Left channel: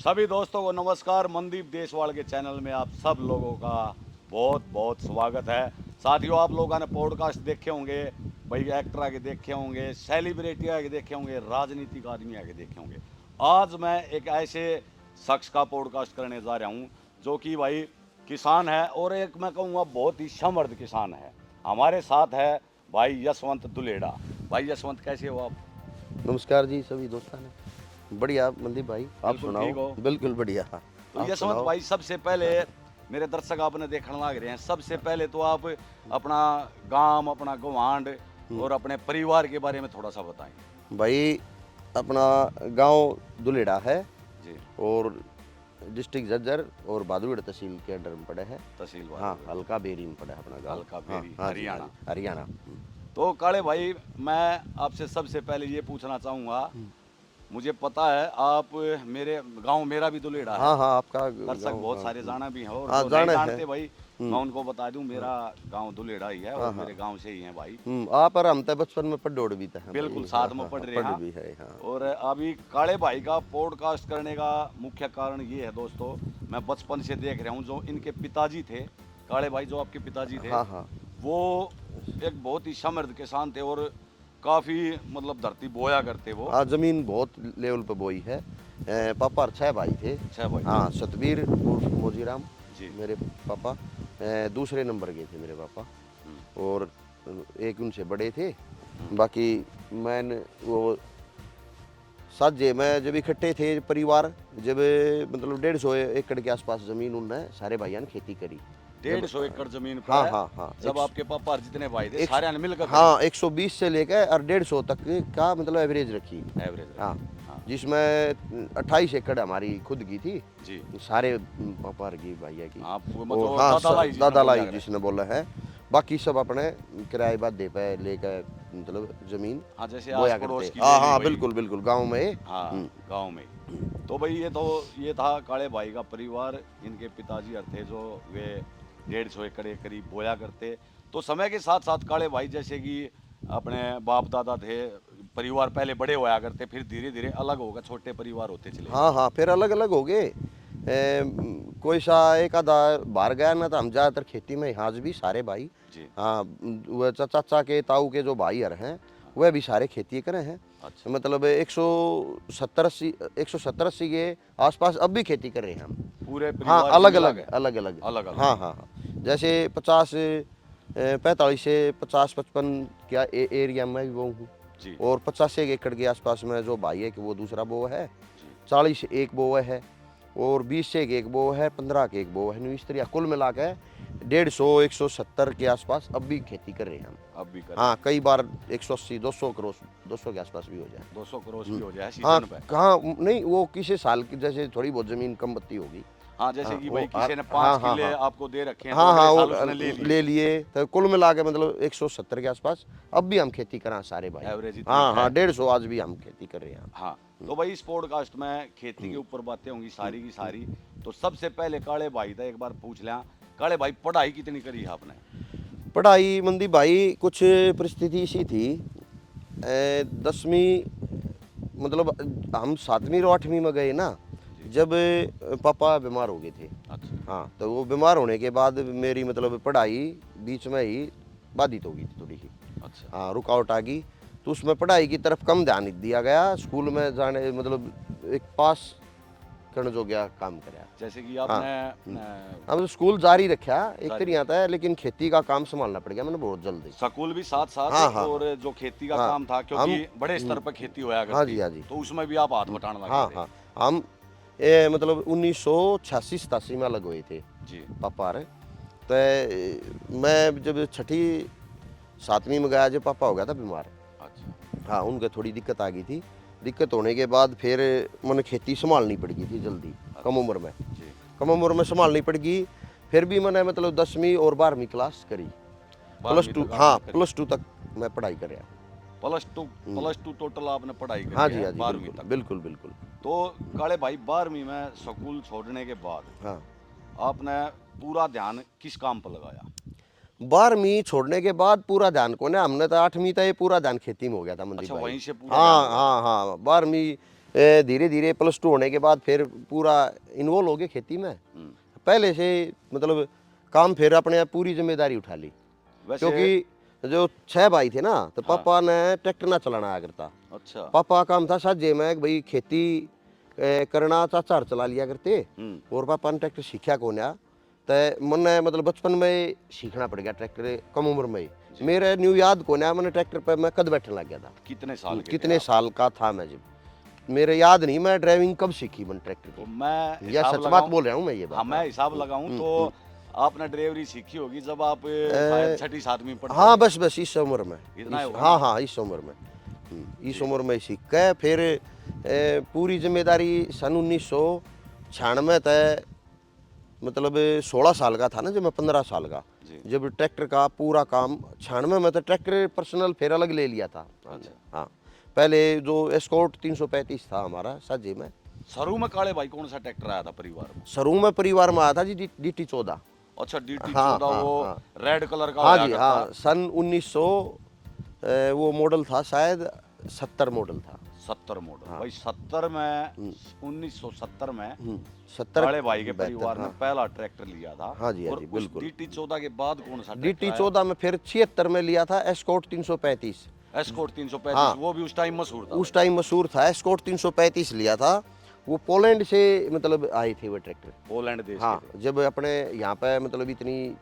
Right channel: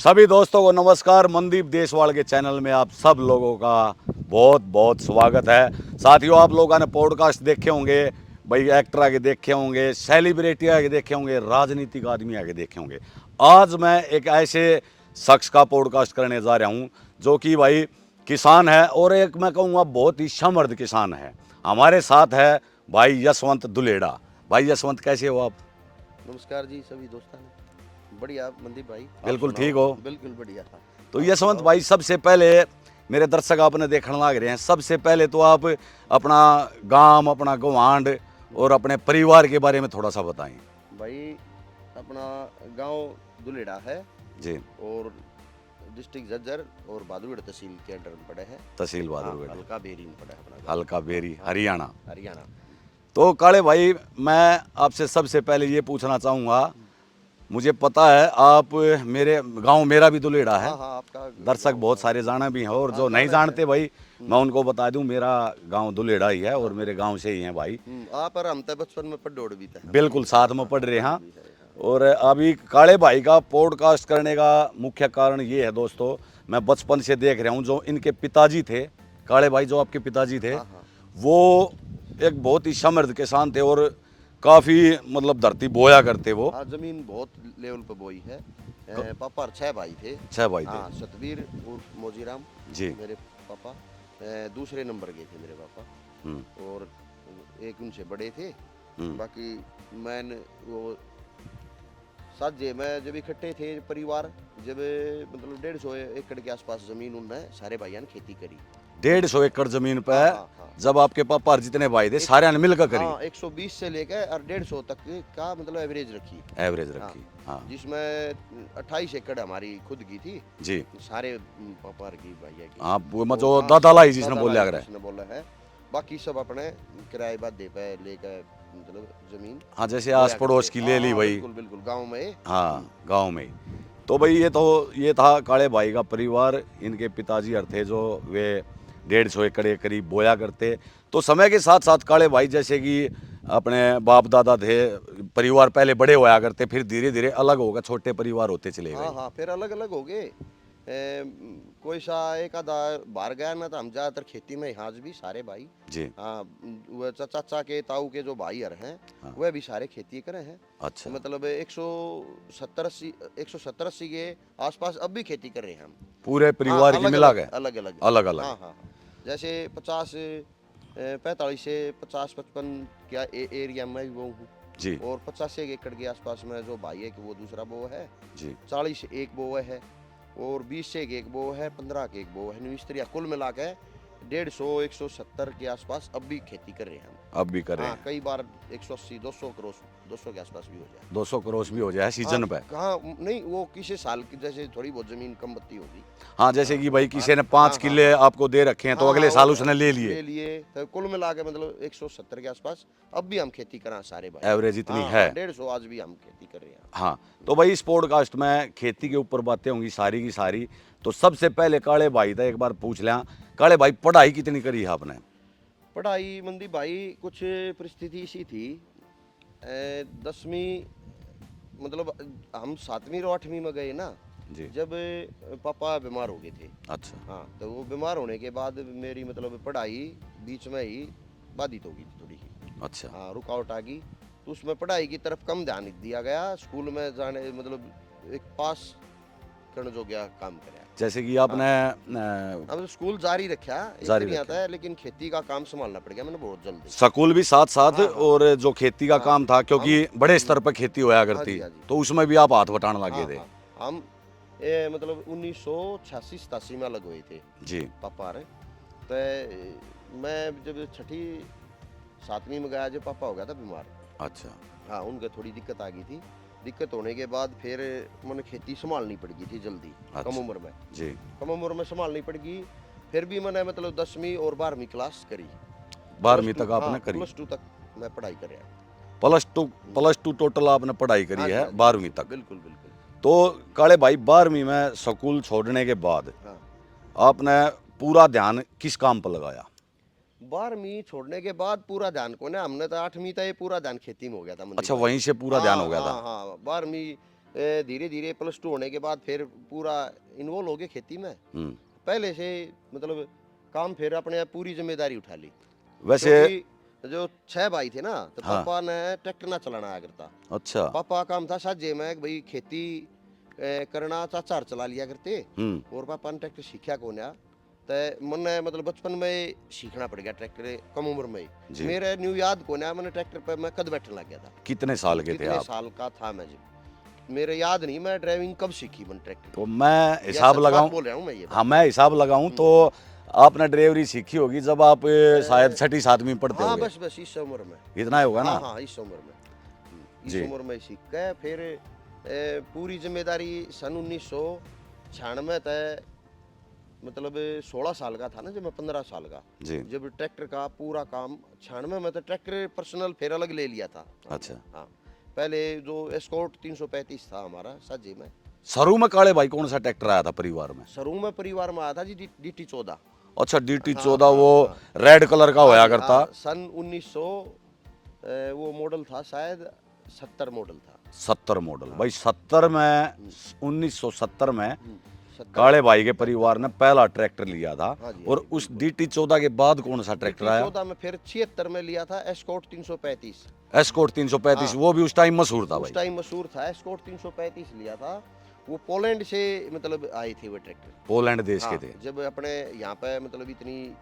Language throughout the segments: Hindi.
सभी दोस्तों को नमस्कार। मनदीप देशवाल के चैनल में आप सब लोगों का बहुत बहुत स्वागत है। साथियों, आप लोगों ने पॉडकास्ट देखे होंगे, भाई एक्टर आगे देखे होंगे, सेलिब्रिटी आगे देखे होंगे, राजनीतिक आदमी आगे देखे होंगे। आज मैं एक ऐसे शख्स का पॉडकास्ट करने जा रहा हूँ जो कि भाई किसान है और एक मैं कहूँगा बहुत ही समर्थ किसान है। हमारे साथ है भाई यशवंत दुलेड़ा। भाई यशवंत, कैसे हो आप? नमस्कार जी सभी दोस्तों ने। बढ़िया मनदीप भाई, आप बिल्कुल सुनाओ। ठीक हो? बिल्कुल बढ़िया। तो आप यशवंत सुनाओ। भाई, सबसे पहले मेरे दर्शक आपने देखने लग रहे हैं, सबसे पहले तो आप अपना गांव, अपना गवांड और अपने परिवार के बारे में थोड़ा सा बताएं। भाई अपना गांव दुलेड़ा है जी। और डिस्ट्रिक्ट झज्जर और भादुड़ तहसील के अंडर में पड़े हैं। तहसील हाँ, भादुड़, हल्का बेरी में पड़ा है अपना गाँव। हल्का बेरी, हाँ, हरियाणा। हरियाणा। तो काले भाई, मैं आपसे सबसे पहले ये पूछना चाहूँगा, मुझे पता है आप मेरे गांव, मेरा भी दुलेड़ा है। हाँ हाँ, आपका दर्शक गाँव, बहुत हाँ। सारे जाना भी हैं और हाँ, जो नहीं जाना है। जानते भाई, मैं उनको बता दूं, मेरा गांव दुलेड़ा ही है और मेरे गांव से ही हैं भाई। आप और हम तो बचपन में पढ़ोड़ भी थे। बिल्कुल साथ में पढ़ रहे हैं। भी है, हाँ। और अभी काले भाई का पॉडकास्ट करने का मुख्य कारण ये है दोस्तों, मैं बचपन से देख रहा हूँ जो इनके पिताजी थे, काले भाई जो आपके पिताजी थे, हाँ हाँ। वो एक बहुत ही समृद्ध किसान थे और काफ़ी मतलब धरती बोया करते वो। हाँ, जमीन बहुत लेवल पे बोई है। पापा और 6 भाई थे। 6 भाई थे। हाँ, सतबीर और मोजीराम जी। मेरे पापा। दूसरे नंबर के थे मेरे पापा और एक उनसे बड़े थे। बाकी मैंने वो साजे मैं जब इकट्ठे थे परिवार, जब मतलब 150 एकड़ के आसपास जमीन उनने सारे भाइयों ने खेती करी। 150 एकड़ जमीन पे हाँ हाँ हाँ। जब आपके पापा और जितने भाई थे सारे ने मिलकर करी। हाँ, 120 से लेकर और 150 तक का मतलब एवरेज रखी। एवरेज हाँ, रखी। हाँ जिसमें 28 एकड़ हमारी खुद की थी। जी। सारे पापा की भैया की। आप तो जो हाँ, दादा लाई जिसने दादा बोला लाई करे। जिसने बोला है। बाकी सब अपने किराए बादे पे लेकर मतलब जमीन। हाँ, जैसे बोया आस पड़ोस करते। की ले ली हाँ, भाई। बिल्कुल बिल्कुल गांव में। हाँ, गांव में। तो भाई ये था काले भाई का परिवार। इनके पिताजी और थे जो वे 150 एकड़ के करीब बोया करते। तो समय के साथ साथ काले भाई जैसे कि अपने बाप दादा थे, परिवार पहले बड़े होया करते, फिर धीरे धीरे अलग होकर छोटे परिवार होते चले हाँ गए। हाँ, फिर अलग अलग हो गए। कोई सा एक आधा बाहर गया ना, तो हम ज्यादातर खेती में आज भी सारे भाई। जी। हाँ, वह चाचा के ताऊ के जो भाई हैं वह भी सारे खेती करे हैं। अच्छा। मतलब 170-80 के आसपास अब भी खेती कर रहे हैं हम। पूरे हाँ, परिवार की अलग मिला अलग के? अलग अलग। अलग अलग। हाँ हाँ हाँ। जैसे 45 से 50-55 क्या एरिया में भी वो हूँ। जी। और 50 एकड़ के आसपास में जो भाई है कि वो दूसरा बो है। जी। 40 एक बो है और 20 से एक बो है, 15 के एक बो है। न्यू स्त्रिया कुल मिला के 150-170 के आसपास अब भी खेती कर रहे हैं हम। अब भी कर रहे हाँ, हैं। कई बार 180-200 करोड़ 200 के आसपास भी हो जाए। 200 करोड़ भी हो जाए हाँ, सीजन पे। कहाँ नहीं, वो किसी साल की जैसे थोड़ी बहुत जमीन कम बत्ती होगी। हाँ, जैसे हाँ, कि भाई वो किसी ने 5 हाँ हाँ किले हाँ आपको दे रखे हैं तो हाँ अगले हाँ, साल वो उसने ले लिए। ले लिए तो कुल मिला के मतलब 170 के आसपास अब भी हम खेती करा सारे भाई। एवरेज इतनी हाँ है। हाँ, 150 आज भी हम खेती कर रहे हैं। हाँ, तो भाई इस पॉडकास्ट में खेती के ऊपर बातें होंगी सारी की सारी। तो सबसे पहले काले भाई था एक बार पूछ लें, काले भाई पढ़ाई कितनी करी है आपने? पढ़ाई मंदी भाई कुछ परिस्थिति सी थी। 10वीं मतलब हम 7वीं और 8वीं में गए ना, जी। जब पापा बीमार हो गए थे। अच्छा। हाँ, तो वो बीमार होने के बाद मेरी मतलब पढ़ाई बीच में ही बाधित हो गई थी थोड़ी सी। अच्छा। हाँ, रुकावट आ गई तो उसमें पढ़ाई की तरफ कम ध्यान दिया गया। स्कूल में जाने मतलब एक पास करने जो गया काम करा। जैसे कि हाँ, आपने हम स्कूल जारी रखा एक जारी तरह आता है, लेकिन खेती का काम संभालना पड़ गया मैंने बहुत जल्दी। स्कूल भी साथ साथ हाँ हाँ और जो खेती का हाँ, काम था, क्योंकि बड़े स्तर पर खेती होया हाँ करती, जी, हाँ जी। तो उसमें भी आप हाथ बटाने लगे हाँ थे। हाँ, हम मतलब 1986-87 में अलग हुए थे जी। पापा रे। तो मैं जब 6ठी 7वीं में गया, जब पापा हो गया था बीमार। अच्छा। हाँ, उनके थोड़ी दिक्कत आ गई थी। दिक्कत होने के बाद फिर मैंने खेती संभालनी पड़ गई थी जल्दी। अच्छा। कम उम्र में। जी। कम उम्र में संभालनी पड़ गई। फिर भी मैंने मतलब 10वीं और 12वीं क्लास करी। 12वीं तक हाँ, आपने करी? +2 तक मैं पढ़ाई करें। प्लस टू टोटल आपने पढ़ाई हाँ करी जी, है हाँ जी, 12वीं तक? बिल्कुल बिल्कुल। तो काले भाई 12वीं में स्कूल छोड़ने के बाद हाँ, आपने पूरा ध्यान किस काम पर लगाया? 12वीं छोड़ने के बाद पूरा ध्यान को ना, हमने तो 8वीं तक ये पूरा ध्यान खेती में हो गया था मंदी अच्छा, भाई। वहीं से पूरा ध्यान हो हाँ गया था। हाँ हाँ, 12वीं धीरे धीरे +2 होने के बाद फिर पूरा इन्वॉल्व हो गए खेती में। पहले से मतलब काम फिर अपने आप पूरी जिम्मेदारी उठा ली। वैसे क्योंकि जो 6 भाई थे ना, तो पापा ने ट्रैक्टर ना चलाना आया करता। अच्छा। पापा का काम था साझे में कि भाई खेती करना, चाचा चला लिया करते। और पापा ने ट्रैक्टर सीखा कौन है, तो मैंने मतलब बचपन में सीखना पड़ गया ट्रैक्टर, कम उम्र में ही। मेरे न्यू याद कौन है, मैंने ट्रैक्टर पे मैं कद बैठने लग गया था। कितने साल के थे कितने आप? साल का था मैं जब, मेरे याद नहीं मैं ड्राइविंग कब सीखी मैंने ट्रैक्टर। तो मैं या हिसाब सच बात लगाऊं, बोल रहा हूँ मैं ये बात। हाँ मैं हिसाब लगाऊं तो आपने ड्राइवरी सीखी होगी जब आप शायद 6ठी 7वीं पढ़ते हाँ होंगे। बस इस उम्र में। इतना ही होगा हाँ ना? हाँ इस उम्र में, इस उम्र में सीख के फिर पूरी जिम्मेदारी सन 1996 तक, मतलब 16 साल का था ना जब मैं 15 साल का, जी। जब ट्रैक्टर का पूरा काम 96 में तो ट्रैक्टर पर्सनल फिर अलग ले लिया था। अच्छा। हाँ पहले जो एस्कॉर्ट 335 था हमारा साझे में। शुरू में काले भाई कौन सा ट्रैक्टर आया था परिवार में? शुरू में परिवार में आया था जी DT 14। अच्छा DT हाँ, 14 वो हाँ। रेड कलर का होया हाँ जी, करता। हाँ, सन 1900 वो मॉडल था शायद 70 मॉडल था। 70 मॉडल भाई 70 में 1970 में 70 काले भाई के परिवार ने पहला ट्रैक्टर लिया था। हाँ जी, हाँ और जी, उस बिल्कुल। DT 14 के बाद कौन सा ट्रैक्टर DT आया? 14 में फिर 76 में लिया था एस्कॉर्ट 335। एस्कॉर्ट 335 हाँ। वो भी उस टाइम मशहूर था उस भाई। टाइम मशहूर था, एस्कॉर्ट 335 लिया था। वो पोलैंड से मतलब आई थी वो ट्रैक्टर। पोलैंड देश हाँ, के थे। जब अपने यहाँ पे मतलब इतनी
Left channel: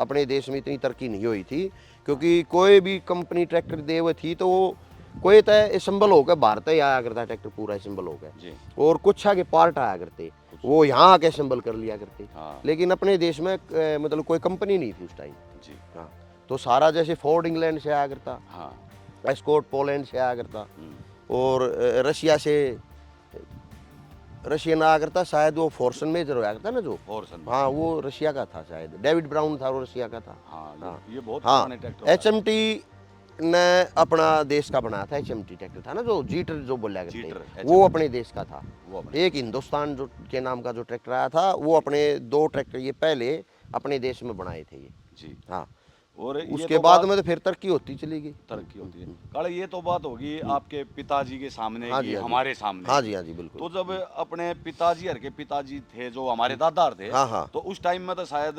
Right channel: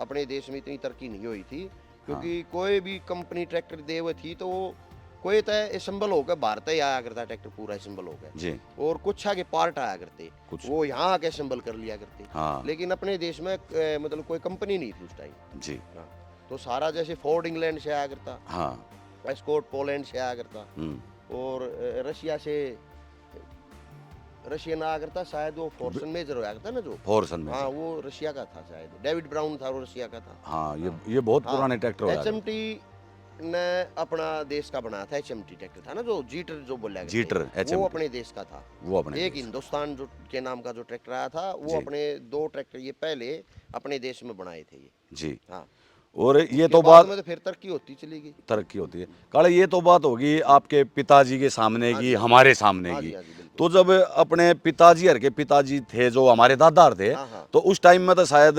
अपने देश में इतनी तरक्की नहीं हुई थी, क्योंकि कोई भी कंपनी ट्रैक्टर दे हुए थी तो वो कोई तो असेंबल होकर भारत ही आया करता ट्रैक्टर, पूरा असेंबल होकर जी। और कुछ आगे पार्ट आया करते, वो यहाँ आके असेंबल कर लिया करते। हाँ। लेकिन अपने देश में मतलब कोई कंपनी नहीं थी उस टाइम। जी। हाँ, तो सारा जैसे फोर्ड इंग्लैंड से आया करता, हाँ। एस्कॉर्ट पोलैंड से आया करता, और रशिया से रशियन आया करता, शायद वो फोर्सन मेजर आया करता ना जो। फॉर्सन में। हाँ वो रशिया का था शायद, डेविड ब्राउन था वो रशिया का था। हाँ ये बहुत हाँ, पुराने ट्रैक्टर होया था। HMT ने अपना देश का बनाया था। HMT ट्रैक्टर था ना जो जीटर जो बोला करते, जीटर, वो HMT। अपने देश का था। वो अपने एक हिंदुस्तान जो के नाम का जो ट्रैक्टर आया था, वो अपने 2 ट्रैक्टर ये पहले अपने देश में बनाए थे ये। जी। हाँ, और ये उसके तो बाद बात में तो फिर तरक्की होती चली गई। तरक्की होती है काले, ये तो बात होगी आपके पिताजी के सामने हाँ की, जी, हाँ जी। हमारे सामने हाँ की। जी, हाँ जी, बिल्कुल। तो जब अपने पिताजी हर के पिताजी थे जो हमारे दादा थे, हाँ, हाँ। तो उस टाइम में तो शायद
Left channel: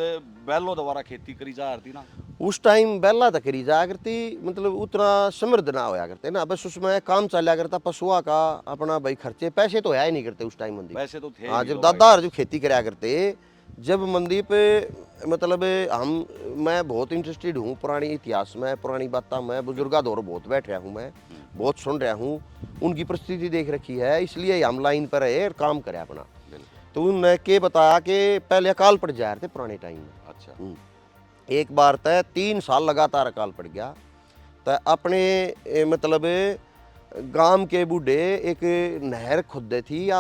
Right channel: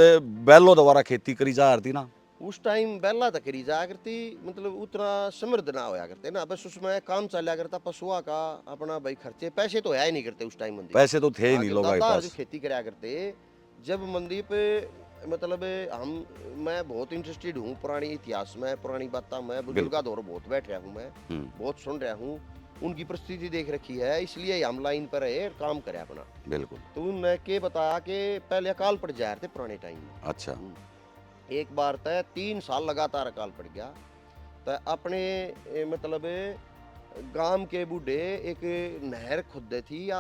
बैलों द्वारा खेती करी जा रही थी ना? उस टाइम बेला तक करी जाया करती, मतलब उतना समृद्ध ना होया करते ना, बस उसमें काम चला करता पशुआ का अपना भाई खर्चे, पैसे तो है ही नहीं करते उस टाइम मंदी। पैसे तो थे ही हाँ, नहीं जब लोगों के दादा पास। जो खेती कराया करते, जब मंदी पे मतलब मैं बहुत इंटरेस्टेड हूँ पुरानी इतिहास में, पुरानी बातें में, बुजुर्गा दौर बहुत बैठ रहा हूँ मैं, बहुत सुन रहा हूँ, उनकी परिस्थिति देख रखी है, इसलिए हम लाइन पर है और काम करे अपना। बिल्कुल। तो उन्होंने के बताया कि पहले अकाल पड़ जा रहे थे पुराने टाइम में। अच्छा। एक बार तय 3 साल लगातार अकाल पड़ गया, तो अपने मतलब गांव के बूढ़े एक नहर खुदे थी या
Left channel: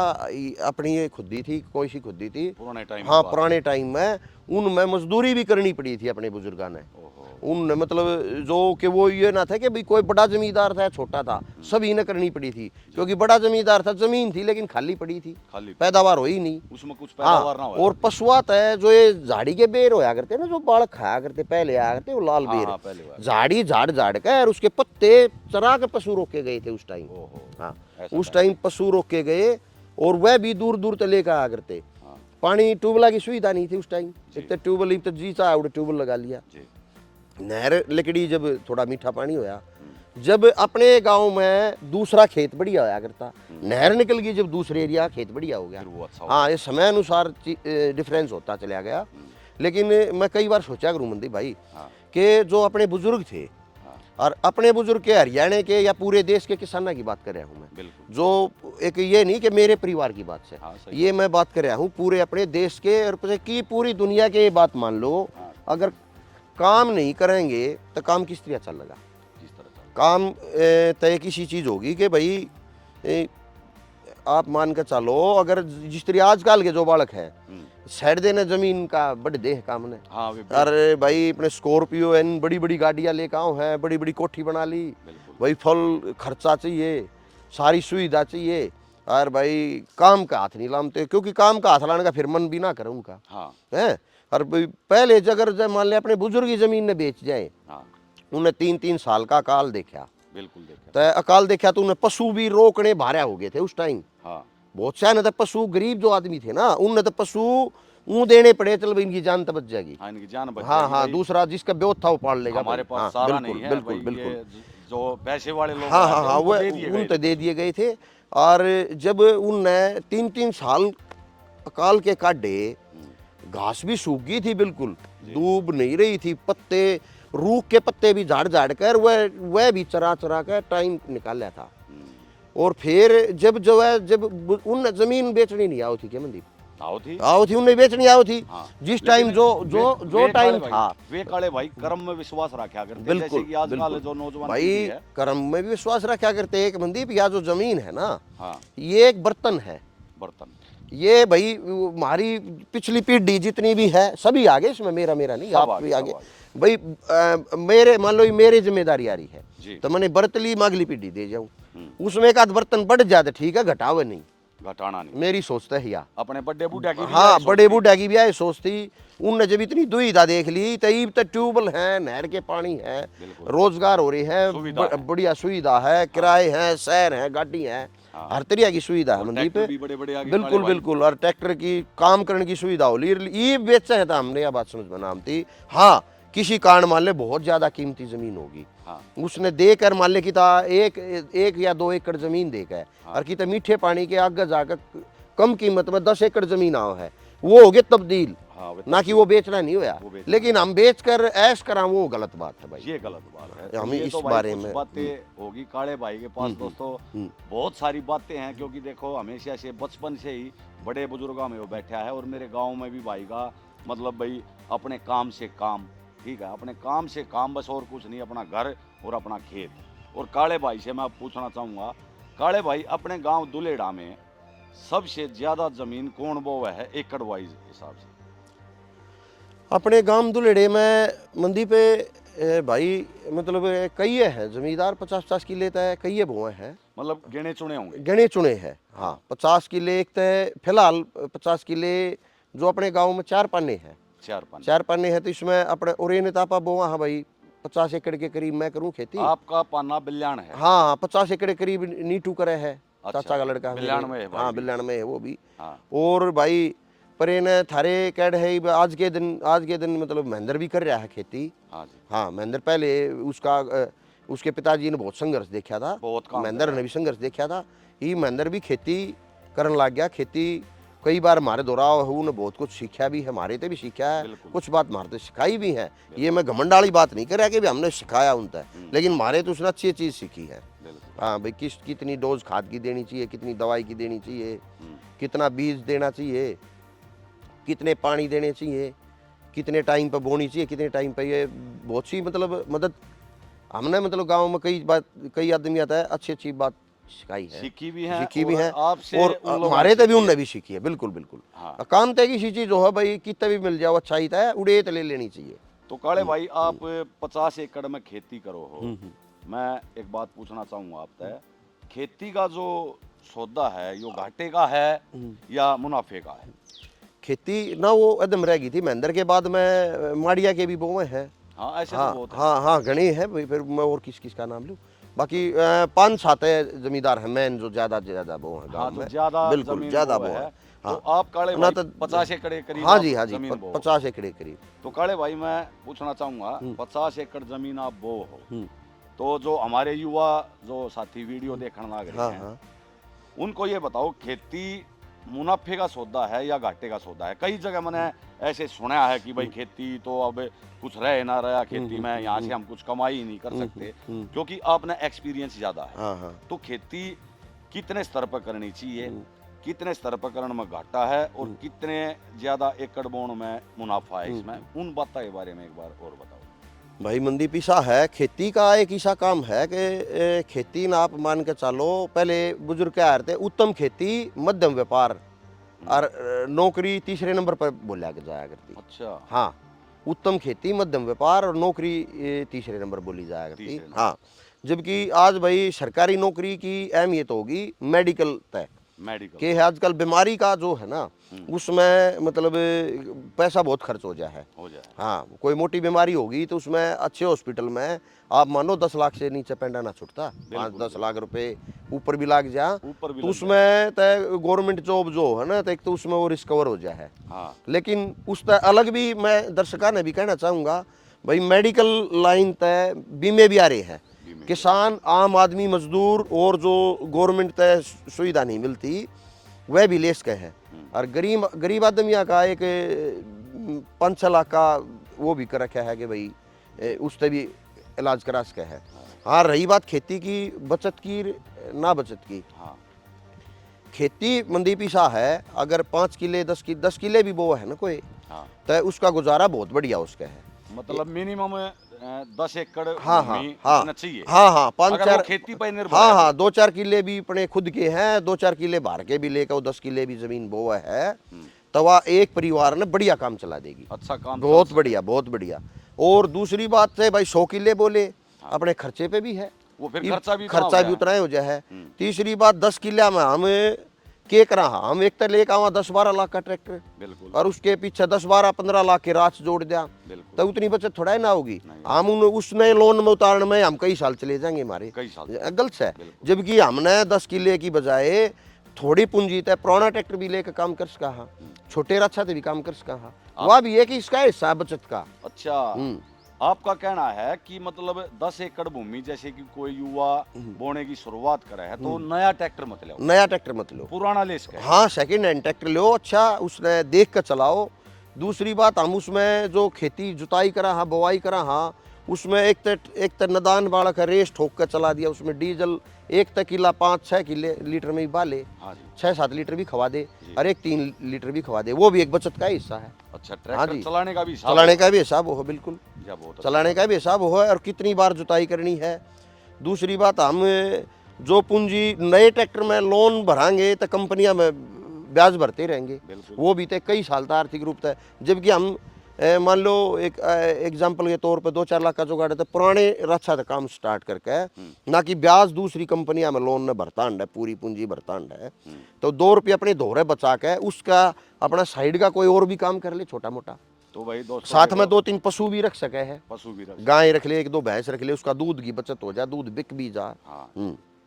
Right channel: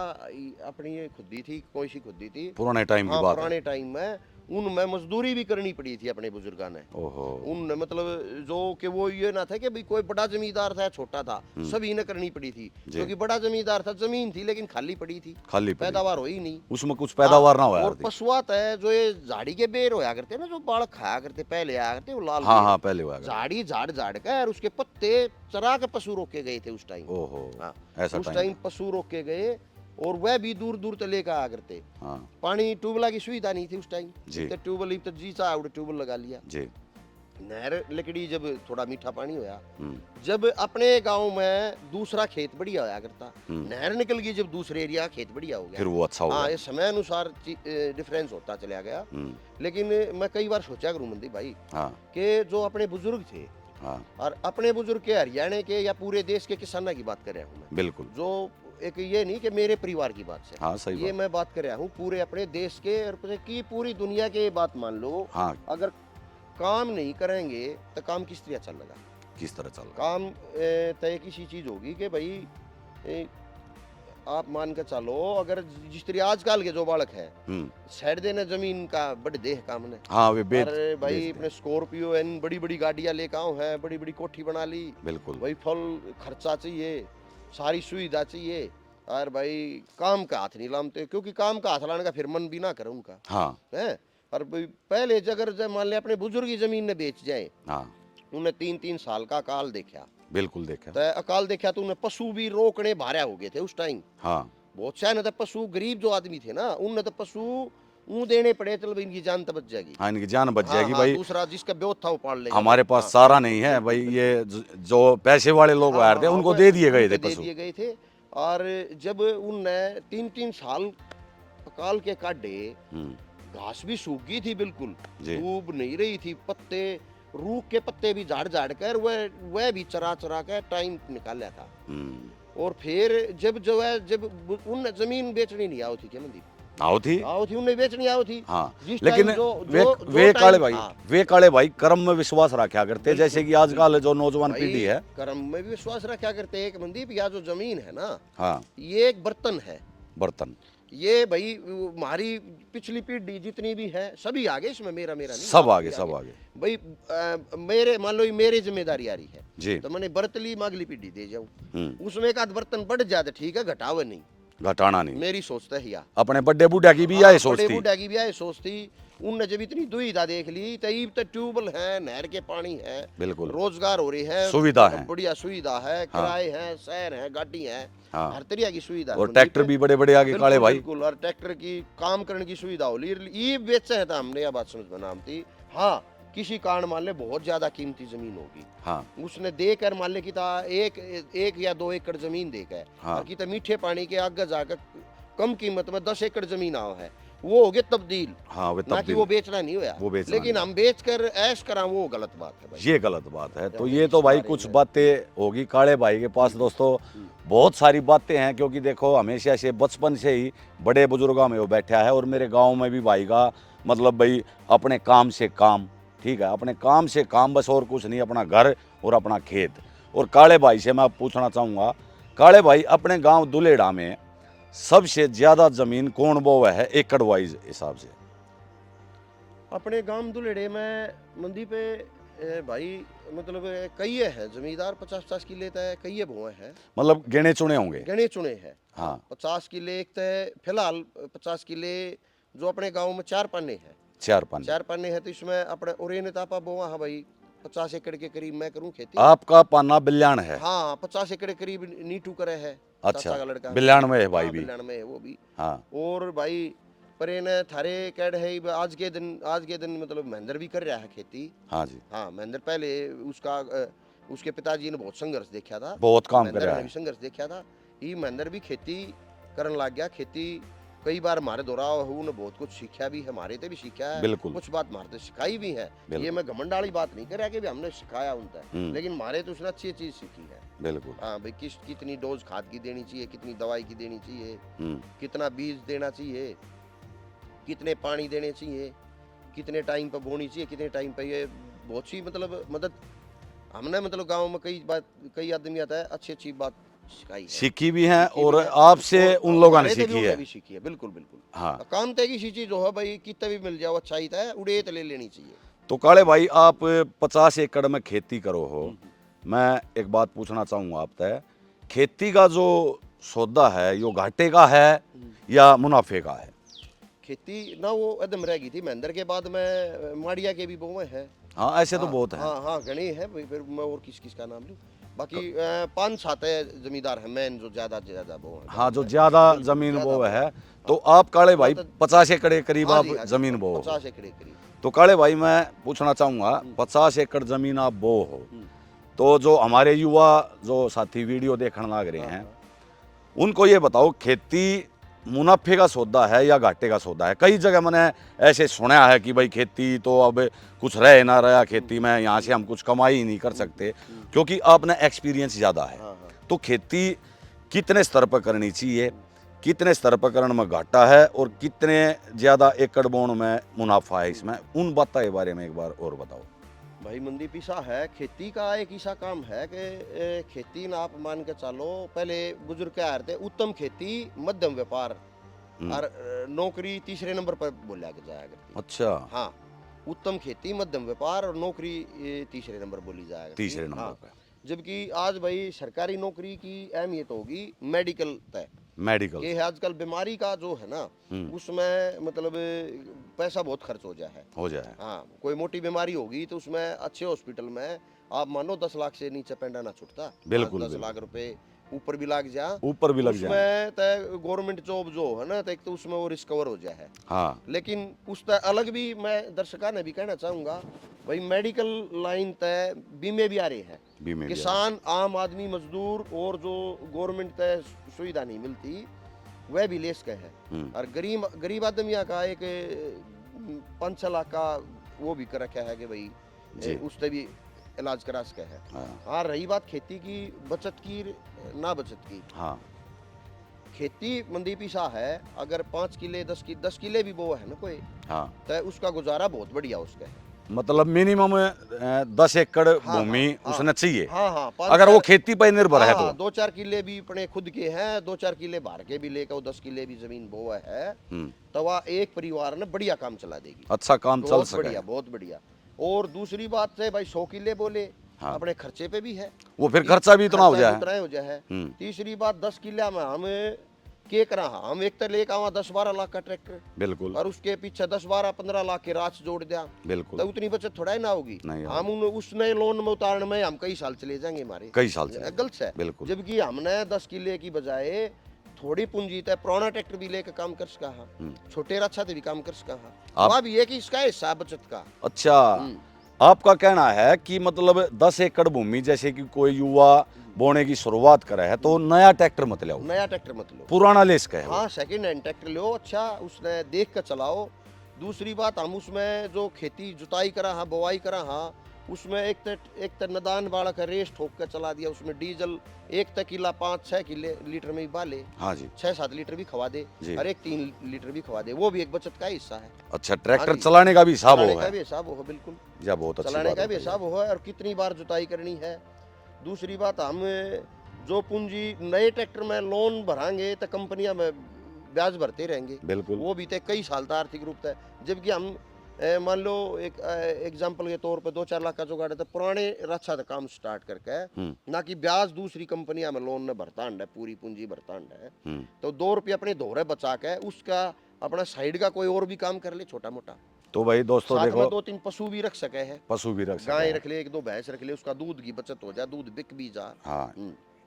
अपनी ये खुदी थी, कोई सी खुदी थी पुराने टाइम की हाँ बात है। पुराने टाइम में, उनमें मजदूरी भी करनी पड़ी थी अपने बुजुर्गों ने। ओहो। उन मतलब जो कि वो ये ना था कि भाई कोई बड़ा जमींदार था या छोटा था, सभी ने करनी पड़ी थी, क्योंकि बड़ा जमींदार था, जमीन थी लेकिन खाली पड़ी थी, खाली पड़ी। पैदावार हुई नहीं, उसमें कुछ पैदावार ना हाँ, होया और करती। पशुआ है जो ये झाड़ी के बेर होया करते ना, जो बालक खाया करते पहले आया करते, वो लाल हाँ बेर, हाँ पहले हुआ। झाड़ी झाड़ झाड़ के और उसके पत्ते चरा के पशु रोके गए थे उस टाइम। ओहो। हाँ, ऐसा उस टाइम पशु रोके गए, और वह भी दूर दूर तक लेकर आया करते। हाँ पानी ट्यूबवेल की सुविधा नहीं थी उस टाइम, जी। तो ट्यूबवेल तो जी चाहे उड़े ट्यूबवेल लगा लिया। जी। नहर लकड़ी जब थोड़ा मीठा पानी होया, जब अपने गांव में दूसरा खेत बढ़िया होया करता, नहर निकल गई जब दूसरे एरिया खेत बढ़िया हो गया, फिर वो अच्छा हो हाँ गया। ये समय अनुसार डिफरेंस होता चला गया। लेकिन मैं कई बार सोचा करूँ मंदी भाई हाँ कि जो अपने बुजुर्ग थे, हाँ और अपने बुजुर्ग के हरियाणा के या पूरे देश के किसानों की बात कर रहा हूँ मैं, बिल्कुल। जो एक ये नहीं कि मेरे परिवार की बात से, हाँ सही ये मैं बात कर रहा हूँ पूरे अपने देश के और की पूरी दुनिया के। ये बात मान लो, हाँ अगर काम नहीं करेंगे तो काम किस तरह चलेगा? किस तरह चल रहा काम तय किसी चीज होगी कि भाई आप मान कर चलो, अगर जिस तरह आजकल के जो बालक है साइड देने जमीन का बड़े देह काम ने, हाँ वे अरे भाई अपने स्कॉर्पियो एन बड़ी बड़ी गाड़ियां लेकर आओ है, बड़ी बड़ी कोठी बना ली, बिल्कुल। भाई फल खर्चा चाहिए, सारी सुविधा चाहिए, और भाई काम का हाथ नहीं लामते, क्योंकि काम का हाथ लाने का फिर मन भी ना करे उनका हाँ है। और भाई पहले अगर मान लिया अपने बुजुर्ग की जमीन ने बेच जाए, हाँ उन्हें 3-3 साल का काल देखा, बिल्कुल देखा। तो अकाल देखा तो उन्हें पशु भी रोकने भारा हो गए थे उस टाइम। हाँ बहुत से तो पशु गरीब जो आदमी थे ना, उन्हें तो पशु ऊँ देने पड़े, चल भाई इनकी जान तो बच जाएगी। हाँ, इनकी जान बच हाँ जाएगी हाँ, भाई। दूसरा जिसका ब्योत था वो पाल लेगा। हमारे पास हाँ, सारा बिल्कुल, नहीं है बिल्कुल, भाई, बिल्कुल। ये जो पैसे वाले लोग हाँ आए हाँ थे हाँ, उनको वो दे दिए गए उन पे थे दे पशु। दिए गए थे। और जब उनने 3-3 साल अकाल के काटे, घास भी सूख गई थी बिल्कुल, जी। दूब नहीं रही थी, पत्ते रूख के पत्ते भी झाड़ झाड़ कर वह भी चरा चरा कर टाइम निकाला था। और फिर जब जो है, जब उन जमीन बेचनी नहीं आओ थी क्या मंदी, आओ थी। आओ थी, उन्हें बेचनी आओ थी। हाँ, जिस लेकिन टाइम जो वे, जो वे जो काले टाइम भाई, था, वे काले भाई कर्म में विश्वास रखा करते, बिल्कुल, जैसे कि आजकल बिल्कुल। जो नौजवान भाई पीढ़ी है। कर्म में भी विश्वास रखा करते। एक मंदीप, या जो जमीन है ना, हाँ, ये एक बर्तन है। बर्तन। ये भाई हमारी पिछली पीढ़ी जितनी भी है सभी आगे इसमें, मेरा मेरा नहीं, सब आप आगे, भी सब आगे। भाई मेरे मान लो ये मेरी जिम्मेदारी आ रही है जी। तो मैंने बर्तली अगली पीढ़ी दे जाऊं, उसमें एक आध बर्तन बढ़ जाता ठीक है, घटावे नहीं, घटाना नहीं। मेरी सोचता है। या अपने बड़े बूढ़ा की भी हाँ, यही सोच बड़े थी। बूढ़ा की भी यही सोच थी। उनने जब इतनी दुविधा देख ली तो अब तो ट्यूबवेल है, नहर के पानी है, बिल्कुल। रोजगार हो रही है, सुविधा है। बढ़िया सुविधा है, किराए हैं, शहर है, गाड़ी है, हाँ। हर तरह की सुविधा है और मंडी ट्रैक्टर पे। भी बड़े बड़े आगे काले बिल्कुल भाई। बिल्कुल, और ट्रैक्टर की काम करने की सुविधा हो ये बेचा है था हमने, यह बात समझ में नाम थी। हाँ, किसी कारण मान ले बहुत ज्यादा कीमती जमीन होगी, हाँ, उसने देकर मान ले कि एक या 2 एकड़ जमीन देकर, हाँ। और कितने मीठे पानी के आगे जाकर कम कीमत में 10 एकड़ जमीन आओ है, वो हो गए तब्दील। हाँ, वे ना कि तब्दील। वो बेचना नहीं हुआ, वो बेचना लेकिन हम बेच कर ऐश करा, वो गलत बात है भाई। ये गलत बात है। तो हमें ये इस तो भाई बारे कुछ में- बातें होगी काले भाई के पास दोस्तों, बहुत सारी बातें हैं, क्योंकि देखो हमेशा से बचपन से ही बड़े बुजुर्गों में वो बैठा है। और मेरे गांव में भी भाई का मतलब भाई अपने काम से काम, ठीक है, अपने काम से काम, बस और कुछ नहीं, अपना घर और अपना खेत। और काले भाई से मैं पूछना चाहूँगा, काले भाई अपने गाँव दुलेड़ा में सबसे ज्यादा जमीन कौन बोवा है एकड़ वाइज हिसाब से? अपने गांव दुलेड़े में मंदी पे भाई मतलब कई है जमींदार, 50-50 किले तय कई बोए हैं, मतलब गिने चुने होंगे। गणे चुने हैं। हाँ। हाँ, 50 किले एक तय फिलहाल 50 किले जो अपने गांव में 4 पाने हैं, 4 पाने हैं। तो इसमें अपने उरेने तापा बोआ है भाई 50 एकड़ के करीब मैं करूं खेती। आपका पाना बिल्याण है। हाँ, 50 एकड़ के करीब नीटू करे है, अच्छा, चाचा का लड़का। बिल्याण में है भाई हाँ, भी। बिल्याण में है वो भी। हाँ, और भाई परेन थारे कैड है आज के दिन मतलब महेंद्र भी कर रहा है खेती। हाँ जी। हाँ, महेंद्र पहले उसके पिताजी ने बहुत संघर्ष देखा था, बहुत काम महेंद्र करा ने है। भी संघर्ष देखा था। ये महेंद्र भी खेती करने लग गया। खेती कई बार हमारे दोहराव है, उन्हें बहुत कुछ सीखा भी है, हमारे से भी सीखा है, बिल्कुल। कुछ बात हमारे से सिखाई भी है। बिल्कुल। ये मैं घमंड वाली बात नहीं कर रहा कि भी हमने सिखाया उनसे, लेकिन हमारे तो उसने अच्छी चीज सीखी है। बिल्कुल। हाँ भाई, कितनी डोज खाद की देनी चाहिए, कितनी दवाई की देनी चाहिए, कितना बीज देना चाहिए, कितने पानी देने चाहिए, कितने टाइम पर बोनी चाहिए, कितने टाइम पर, ये बहुत सी मतलब मदद हमने मतलब गांव में कई आदमी आता है अच्छी बात सिखाई है, सीखी भी है। सीखी और भी है। आपसे और उन लोगों हमारे ने से भी सीखी उनने है। भी सीखी है। बिल्कुल बिल्कुल। हाँ। काम तय की चीज जो है भाई, कितना भी मिल जाओ अच्छा ही था, उड़े तो ले लेनी चाहिए। तो काले भाई आप 50 एकड़ में खेती करो हो, मैं एक बात पूछना चाहूंगा आपसे, खेती का जो सौदा है यो घाटे का है या मुनाफे का है? खेती ना वो एकदम रह गई थी, महेंद्र के बाद में माड़िया के भी बोए हैं। हाँ, ऐसे तो बहुत है। हाँ हाँ, गणे हैं भाई। फिर मैं और किस का नाम लूं, बाकी 5-7 जमींदार हैं मैन जो ज्यादा वो हैं। हाँ, जो ज्यादा बिल्कुल, जमीन ज्यादा वो है। हाँ। तो आप काले भाई तो 50 एकड़ के करीब हाँ आप जी, हाँ जी, जमीन बो हो। 50 एकड़ करीब। तो काले भाई मैं पूछना चाहूंगा, 50 एकड़ जमीन आप बो हो, तो जो हमारे युवा जो साथी वीडियो देखने लग रहे हैं, हाँ। उनको ये बताओ, खेती मुनाफे का सौदा है या घाटे का सौदा है? कई जगह मैंने ऐसे सुना है कि भाई खेती तो अब कुछ रह ना रहा खेती में, यहाँ से हम कुछ कमाई ही नहीं कर सकते, क्योंकि आपने एक्सपीरियंस ज़्यादा है। हाँ। तो खेती कितने स्तर पर करनी चाहिए, कितने स्तर पर करने में घाटा है, और कितने ज़्यादा एकड़ बोन में मुनाफा है इसमें, उन बातों के बारे में एक बार और बताओ। भाई मंदी पीसा है, खेती का एक ऐसा काम है कि खेती ना आप मान के चलो, पहले बुजुर्ग क्या रहे थे, उत्तम खेती, मध्यम व्यापार और नौकरी तीसरे नंबर पर बोला जाया करती। अच्छा। हाँ, उत्तम खेती, मध्यम व्यापार और नौकरी तीसरे नंबर बोली जाया करती। तीसरे नंबर हाँ, जबकि आज भाई सरकारी नौकरी की अहमियत होगी मेडिकल तय। मेडिकल कि आजकल बीमारी का जो है ना उसमें मतलब पैसा बहुत खर्च हो जाए है। हो जाए। हाँ, कोई मोटी बीमारी होगी तो उसमें अच्छे हॉस्पिटल में आप मानो 10 लाख से नीचे पेंडा ना छुटता, 5-10 लाख रुपए ऊपर भी लग जा, ऊपर भी लग जाए। उसमें तो गवर्नमेंट जॉब जो है ना तो एक तो उसमें वो रिस्कवर हो जाए है। हाँ लेकिन उस अलग भी मैं दर्शकों ने भी कहना चाहूँगा भाई मेडिकल लाइन तय बीमे भी आ रहे हैं, बीमे भी किसान आम आदमी मजदूर और जो गवर्नमेंट तय सुविधा नहीं मिलती वह भी लेस के है। और गरीब आदमिया का एक 5-6 लाख का वो भी कर रखा है कि भाई उससे भी इलाज करा सके है। हाँ, रही बात खेती की बचत की ना बचत की, हाँ खेती मंदीप ईसा है, अगर 5 किले 10 किले भी वो है ना कोई, हाँ तो उसका गुजारा बहुत बढ़िया उसका है। मतलब मिनिमम 10 एकड़ हाँ, भूमि हाँ, उसने चाहिए। हाँ हाँ, अगर वो खेती पर निर्भर है हाँ, तो। 2-4 किले भी अपने खुद के हैं, 2-4 किले बाहर के भी लेकर 10 किले भी जमीन वो है, तो वह एक परिवार ने बढ़िया काम चला देगी। अच्छा काम चल बहुत सके। बढ़िया, बहुत बढ़िया। और दूसरी बात है भाई 100 किले बोले अपने खर्चे पे भी है, वो फिर खर्चा भी इतना हो खर्चा जाए। भी उतना ही हो जाए है। तीसरी बात 10 किले में हम के करा, हम एक तो लेकर आवा 10-12 लाख का ट्रैक्टर, बिल्कुल और उसके पीछे 10-12-15 लाख के राच जोड़ दिया, बिल्कुल। तो उतनी बचत थोड़ा ही ना होगी। नहीं हम उसमें लोन में उतारने में हम कई साल चले जाएंगे हमारे, कई साल से। गलत है। बिल्कुल। जबकि हमने 10 किले की बजाय थोड़ी पूंजी तय पुराना ट्रैक्टर भी लेकर काम कर सका, छोटे रक्षा से भी काम कर सका, वह भी है कि इसका हिस्सा बचत का। अच्छा आपका कहना है कि मतलब 10 एकड़ भूमि जैसे कि कोई युवा बोने की शुरुआत करे है तो नया ट्रैक्टर मत लो, नया ट्रैक्टर मत लो, पुराना ले इसका। हाँ, सेकंड हैंड ट्रैक्टर लो, अच्छा उसने देख कर चलाओ। दूसरी बात हम उसमें जो खेती जुताई करा हाँ, बुवाई करा हाँ, उसमें एक तो नदान वाला का रेस ठोक कर चला दिया, उसमें डीजल एक तक किला 5-6 किले लीटर में भी बाले, हाँ जी 6-7 लीटर भी खवा दे, और एक 3 लीटर भी खवा दे, वो भी एक बचत का हिस्सा है। अच्छा ट्रैक्टर हाँ चलाने का भी हिसाब चलाने होगा। का भी हिसाब हो, बिल्कुल या बहुत अच्छी चलाने बात का है। भी हिसाब हो, और कितनी बार जुताई करनी है। दूसरी बात हम जो पूंजी नए ट्रैक्टर में लोन भरांगे तो कंपनियां में ब्याज भरते रहेंगे, बिल्कुल वो भी तो कई साल का आर्थिक रूप है। जबकि हम मान लो एक एग्जांपल के तौर पर 2-4 लाख का जुगाड़ है तो पुराने रक्षा का काम स्टार्ट करके ना कि ब्याज दूसरी कंपनियां में लोन में भरता है, पूरी पूंजी भरता है, तो 2 रुपये अपने धोरे बचा के उसका अपना साइड का कोई और भी काम कर ले छोटा मोटा, तो भाई दोस्तों साथ देखो, में 2-3 पशु भी रख सके है, पशु भी रख गाय रख ले, 1-2 भैंस रख ले, उसका दूध की बचत हो जाए, दूध बिक भी जा। हाँ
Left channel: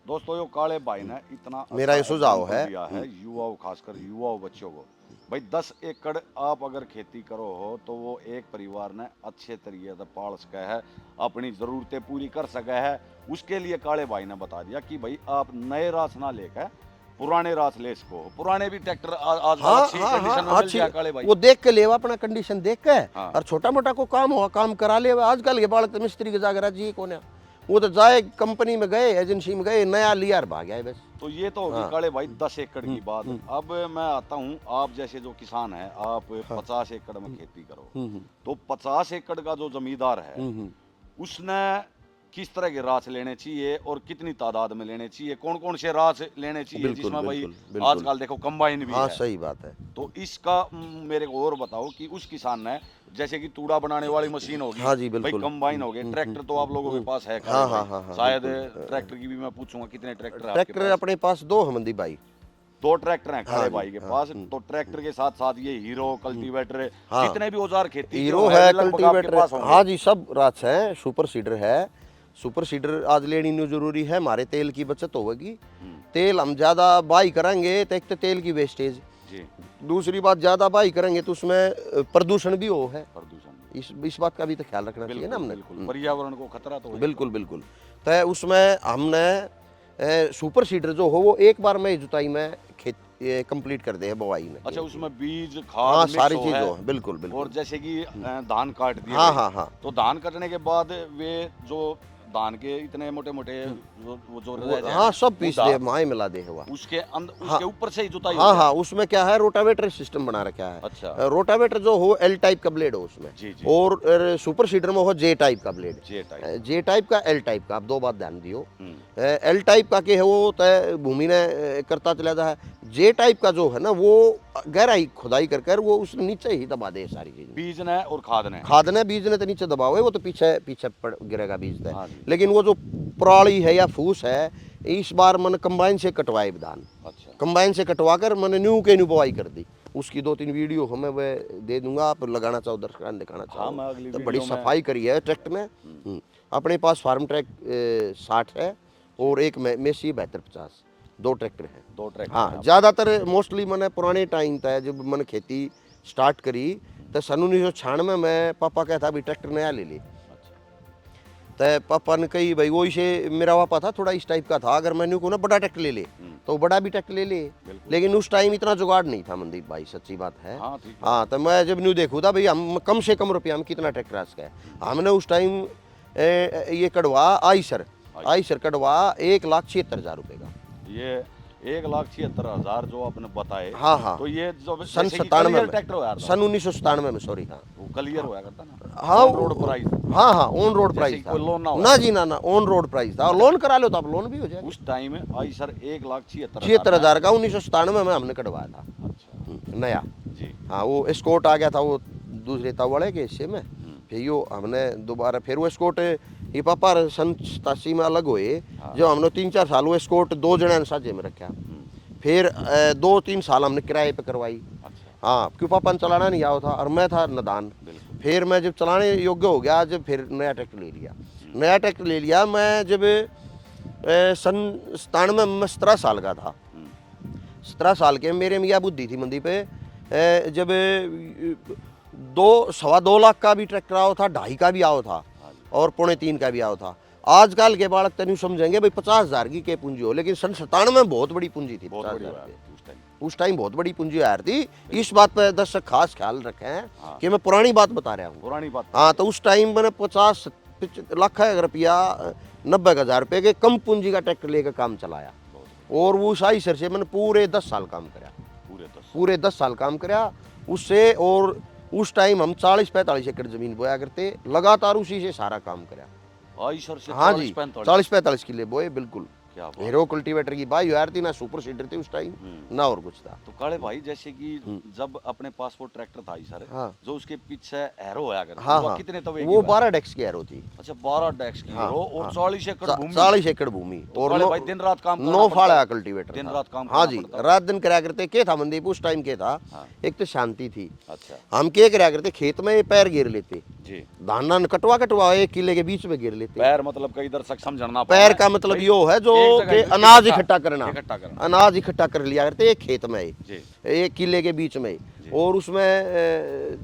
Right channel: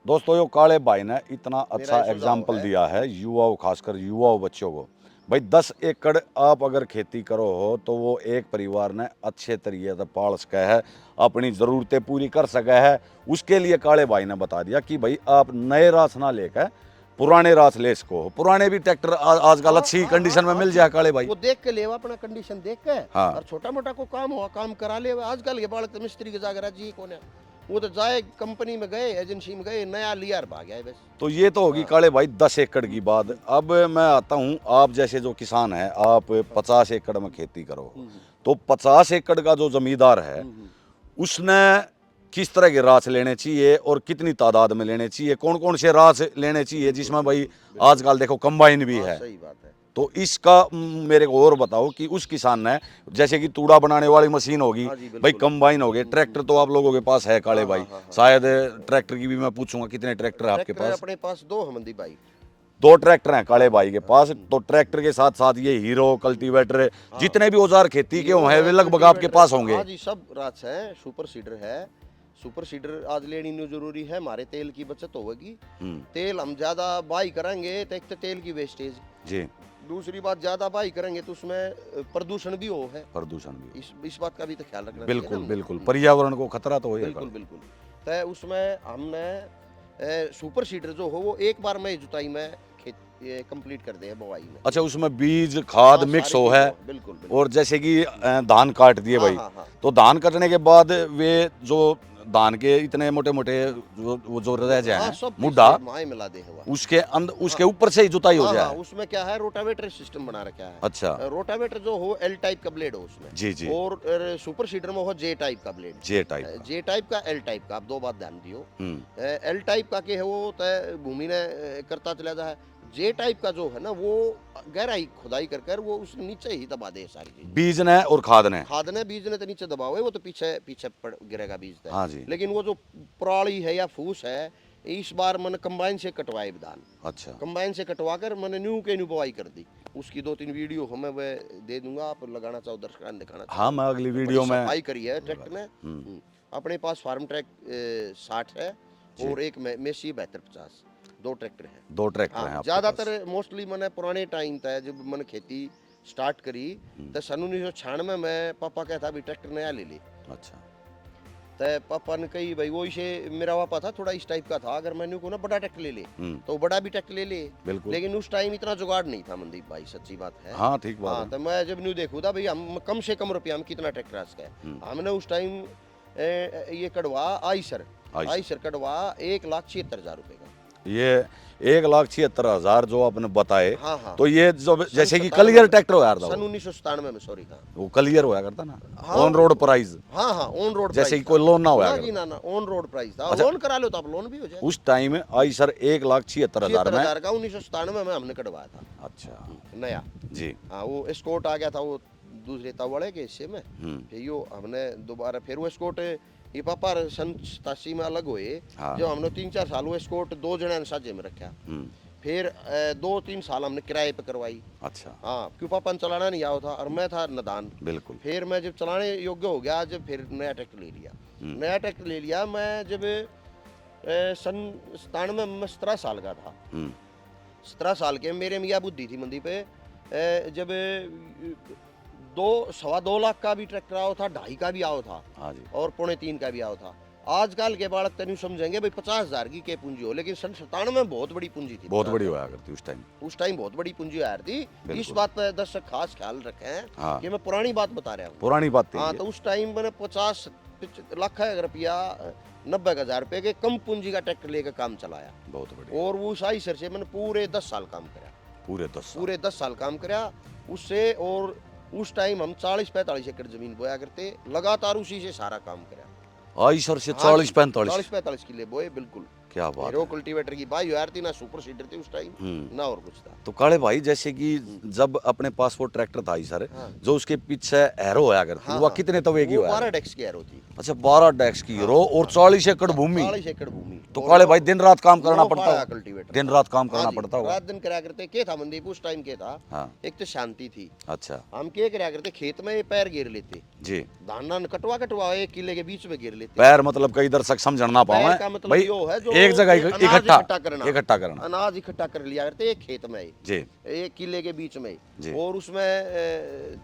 दोस्तों यो काले भाई ने इतना मेरा अच्छा ये सुझाव एग्जाम्पल है। दिया है युवाओं, खासकर युवाओं बच्चों को। भाई 10 एकड़ आप अगर खेती करो हो तो वो एक परिवार ने अच्छे तरीके से पाल सका है, अपनी ज़रूरतें पूरी कर सका है। उसके लिए काले भाई ने बता दिया कि भाई आप नए रास ना लेकर पुराने रास ले इसको, पुराने भी ट्रैक्टर आजकल हाँ, अच्छी हाँ, कंडीशन में हाँ, मिल जाए काले भाई। वो देख के लेवा अपना कंडीशन देख के, हाँ। और छोटा मोटा को काम हुआ काम करा ले। आजकल के बालक तो मिस्त्री के जागरा जी कौन है, वो तो जाए कंपनी में गए, एजेंसी में गए, नया लिया और भाग गया बस। तो ये तो होगी काले भाई 10 एकड़ की बात। अब मैं आता हूँ, आप जैसे जो किसान है, आप 50 एकड़ में खेती करो, तो 50 एकड़ का जो जमींदार है उसने किस तरह के रास लेने चाहिए और कितनी तादाद में लेने चाहिए, कौन कौन से रास लेने चाहिए जिसमें भाई आजकल देखो कंबाइन भी हाँ, है। सही बात है। तो इसका मेरे को और बताओ कि उस किसान ने जैसे कि तूड़ा बनाने वाली मशीन होगी, हाँ जी, भाई बिल्कुल। कंबाइन हो गए, ट्रैक्टर तो आप लोगों के पास है काले भाई, शायद ट्रैक्टर की भी मैं पूछूंगा कितने ट्रैक्टर है आपके ट्रैक्टर पास। अपने पास 2 हमदी भाई, 2 ट्रैक्टर हैं काले भाई के पास। तो ट्रैक्टर के साथ साथ ये हीरो कल्टीवेटर जितने भी औजार खेती के होंगे वे लगभग आपके पास होंगे। हाँ जी, सब रास है। सुपर सीडर है, सुपर सीडर आज लेनी नहीं जरूरी है, हमारे तेल की बचत होगी। तेल हम ज्यादा बाई करेंगे तो एक तो तेल की वेस्टेज जी, दूसरी बात ज्यादा बाई करेंगे तो उसमें प्रदूषण भी हो है, प्रदूषण भी, इस बात का भी तो ख्याल रखना चाहिए ना बिल्कुल हमने। बिल्कुल, पर्यावरण को खतरा तो होगा। बिल्कुल बिल्कुल। तो उसमें हमने सुपर सीडर जो हो वो एक बार में जुताई में खेत कंप्लीट कर दे है बुवाई में। अच्छा उसमें बीज खाद हाँ, मिक्स सारी हो चीज़ है। हो, बिल्कुल बिल्कुल। और जैसे कि धान काट दिए हाँ, भाई, हाँ, हाँ। तो धान कटने के बाद वे जो धान के इतने मोटे मोटे जो रह जाए हाँ, सब पीस मुद्दा, दे, माए मिला दे हुआ उसके अंदर उसके ऊपर से ही जुताई हो हाँ जाए। हाँ, उसमें क्या है रोटावेटर सिस्टम बना रखा है। अच्छा रोटावेटर जो हो एल टाइप का ब्लेड हो उसमें जी जी, और सुपर सीडर में हो जे टाइप का ब्लेड। जे टाइप, जे टाइप का एल टाइप का, आप 2 बात ध्यान दियो। एल टाइप का के है वो तय भूमि ने करता चला जा है। जे टाइप का जो है ना वो गहराई खुदाई कर कर वो उस नीचे ही दबा दे सारी चीज। बीज ने और खाद ने, खाद ने बीज ने तो नीचे दबाओ है, वो तो पीछे पीछे गिरेगा बीज हाँ जी। लेकिन वो जो पराली है या फूस है इस बार मैंने कंबाइन से कटवाए धान। अच्छा कंबाइन से कटवा कर मैंने न्यू के न्यू बुआई कर दी। उसकी 2-3 वीडियो हमें वह दे दूंगा, आप लगाना चाहो दर्शकों दिखाना चाहो। हाँ, मैं अगली तो वीडियो बड़ी में सफाई करी है ट्रैक्टर में। अपने पास फार्म ट्रैक 60 है और एक मेसी 7250, 2 ट्रैक्टर है। 2 ट्रैक्टर हैं हाँ, आपके ज़्यादातर मोस्टली मैंने पुराने टाइम था जब मैंने खेती स्टार्ट करी तो सन 1996 में पापा कहता भी ट्रैक्टर नया ले ले। पास। अच्छा तो पापा ने कही भाई वो इसे मेरा पापा था थोड़ा इस टाइप का था, अगर मैंने को ना बड़ा ट्रैक्टर ले ले तो बड़ा भी ट्रैक्टर ले ले। बिल्कुल। लेकिन उस टाइम इतना जुगाड़ नहीं था मनदीप भाई, सच्ची बात है। हाँ ठीक बात हाँ, है। तो मैं जब न्यू देखू था भाई हम कम से कम रुपया में कितना ट्रैक्टर आ सका है। हमने उस टाइम ये कड़वा आईसर कड़वा 1,76,000 रुपए का। ये 1,76,000 जो आपने बताए। हाँ, हाँ। तो ये जो जैसे कि 97 कलियर में। ट्रैक्टर हो यार था, सन 1997 में, सॉरी। हाँ वो कलियर होया करता ना, हाँ, ऑन रोड प्राइस। हाँ हाँ, ऑन रोड जैसे प्राइस कि कोई लोन ना हो ना यार। जी, ना ऑन रोड प्राइस था। लोन करा लो तो आप लोन भी हो जाए। उस टाइम में आई सर 1,76,000 76,000 का 1997 में हमने कटवाया था अच्छा नया। जी। हाँ, वो स्कॉट आ गया था वो दूसरे ताव वाले के हिस्से में। फिर यो हमने दोबारा फिर वो स्कॉट ये पापा सन 87 में अलग हुए। हाँ। जो हमने 3-4 साल वो स्कॉट 2 जने ने साझे में रखा। फिर 2-3 साल हमने किराए पे करवाई। अच्छा हाँ, क्यों पापा ने चलाना नहीं आया था और मैं था नादान। बिल्कुल। फिर मैं जब चलाने योग्य हो गया, जब फिर नया ट्रैक्टर ले लिया। नया ट्रैक्टर ले लिया मैं जब सन 97 में मैं 17 साल का था। 17 साल के मेरे में यह बुद्धि थी मंदी पे, जब 2-2.25 लाख का भी ट्रैक्टर आओ था, 2.5 का भी आओ था हाँ जी। और 3.25 का भी आओ था। आजकल के बालक तनु समझेंगे भाई 50,000 की क्या पूंजी हो, लेकिन सन 97 में बहुत बड़ी पूंजी थी। बहुत बड़ी होया करती उस टाइम। उस टाइम बहुत बड़ी पूंजी आ रही थी। इस बात पर दर्शक खास ख्याल रखें हाँ। कि मैं पुरानी बात बता रहा हूँ। पुरानी बात हाँ, तो उस टाइम मैंने 50 लाख रुपया 90,000 रुपये के कम पूंजी का ट्रैक्टर लेकर काम चलाया। बहुत बढ़िया। और वो शाही सर से मैंने पूरे 10 साल काम कराया। पूरे 10 साल काम कराया उससे। और उस टाइम हम 40-45 एकड़ जमीन बोया करते, लगातार उसी से सारा काम कराया। आई सर से 40-45 किले बोए। बिल्कुल। क्या बात। हीरो कल्टीवेटर की बाई यार थी ना, सुपर सीडर थी उस टाइम ना और कुछ था। तो काले भाई जैसे कि जब अपने पास वो ट्रैक्टर था सर, हाँ। जो उसके पीछे एरो होया करती, हाँ, वो हाँ। कितने तवे की वो होया? 12 डेक्स की एरो थी। अच्छा 12 डेक्स की एरो और 40 एकड़ भूमि। 40 एकड़ भूमि। तो काले भाई दिन रात काम करना पड़ता है। कल्टीवेटर दिन रात काम हाँ करना जी, पड़ता है। रात दिन कराया करते। क्या था मंदीप उस टाइम के था, हाँ। एक तो शांति थी। अच्छा हम क्या कराया करते, खेत में पैर घेर लेते जी। धान कटवा 1 किले के बीच में घेर लेते। पैर मतलब कई दर्शक समझना पाए। पैर का मतलब यो है जो एक जगह अनाज इकट्ठा करना। अनाज इकट्ठा कर लिया करते एक खेत में जी। 1 किले के बीच में। और उसमें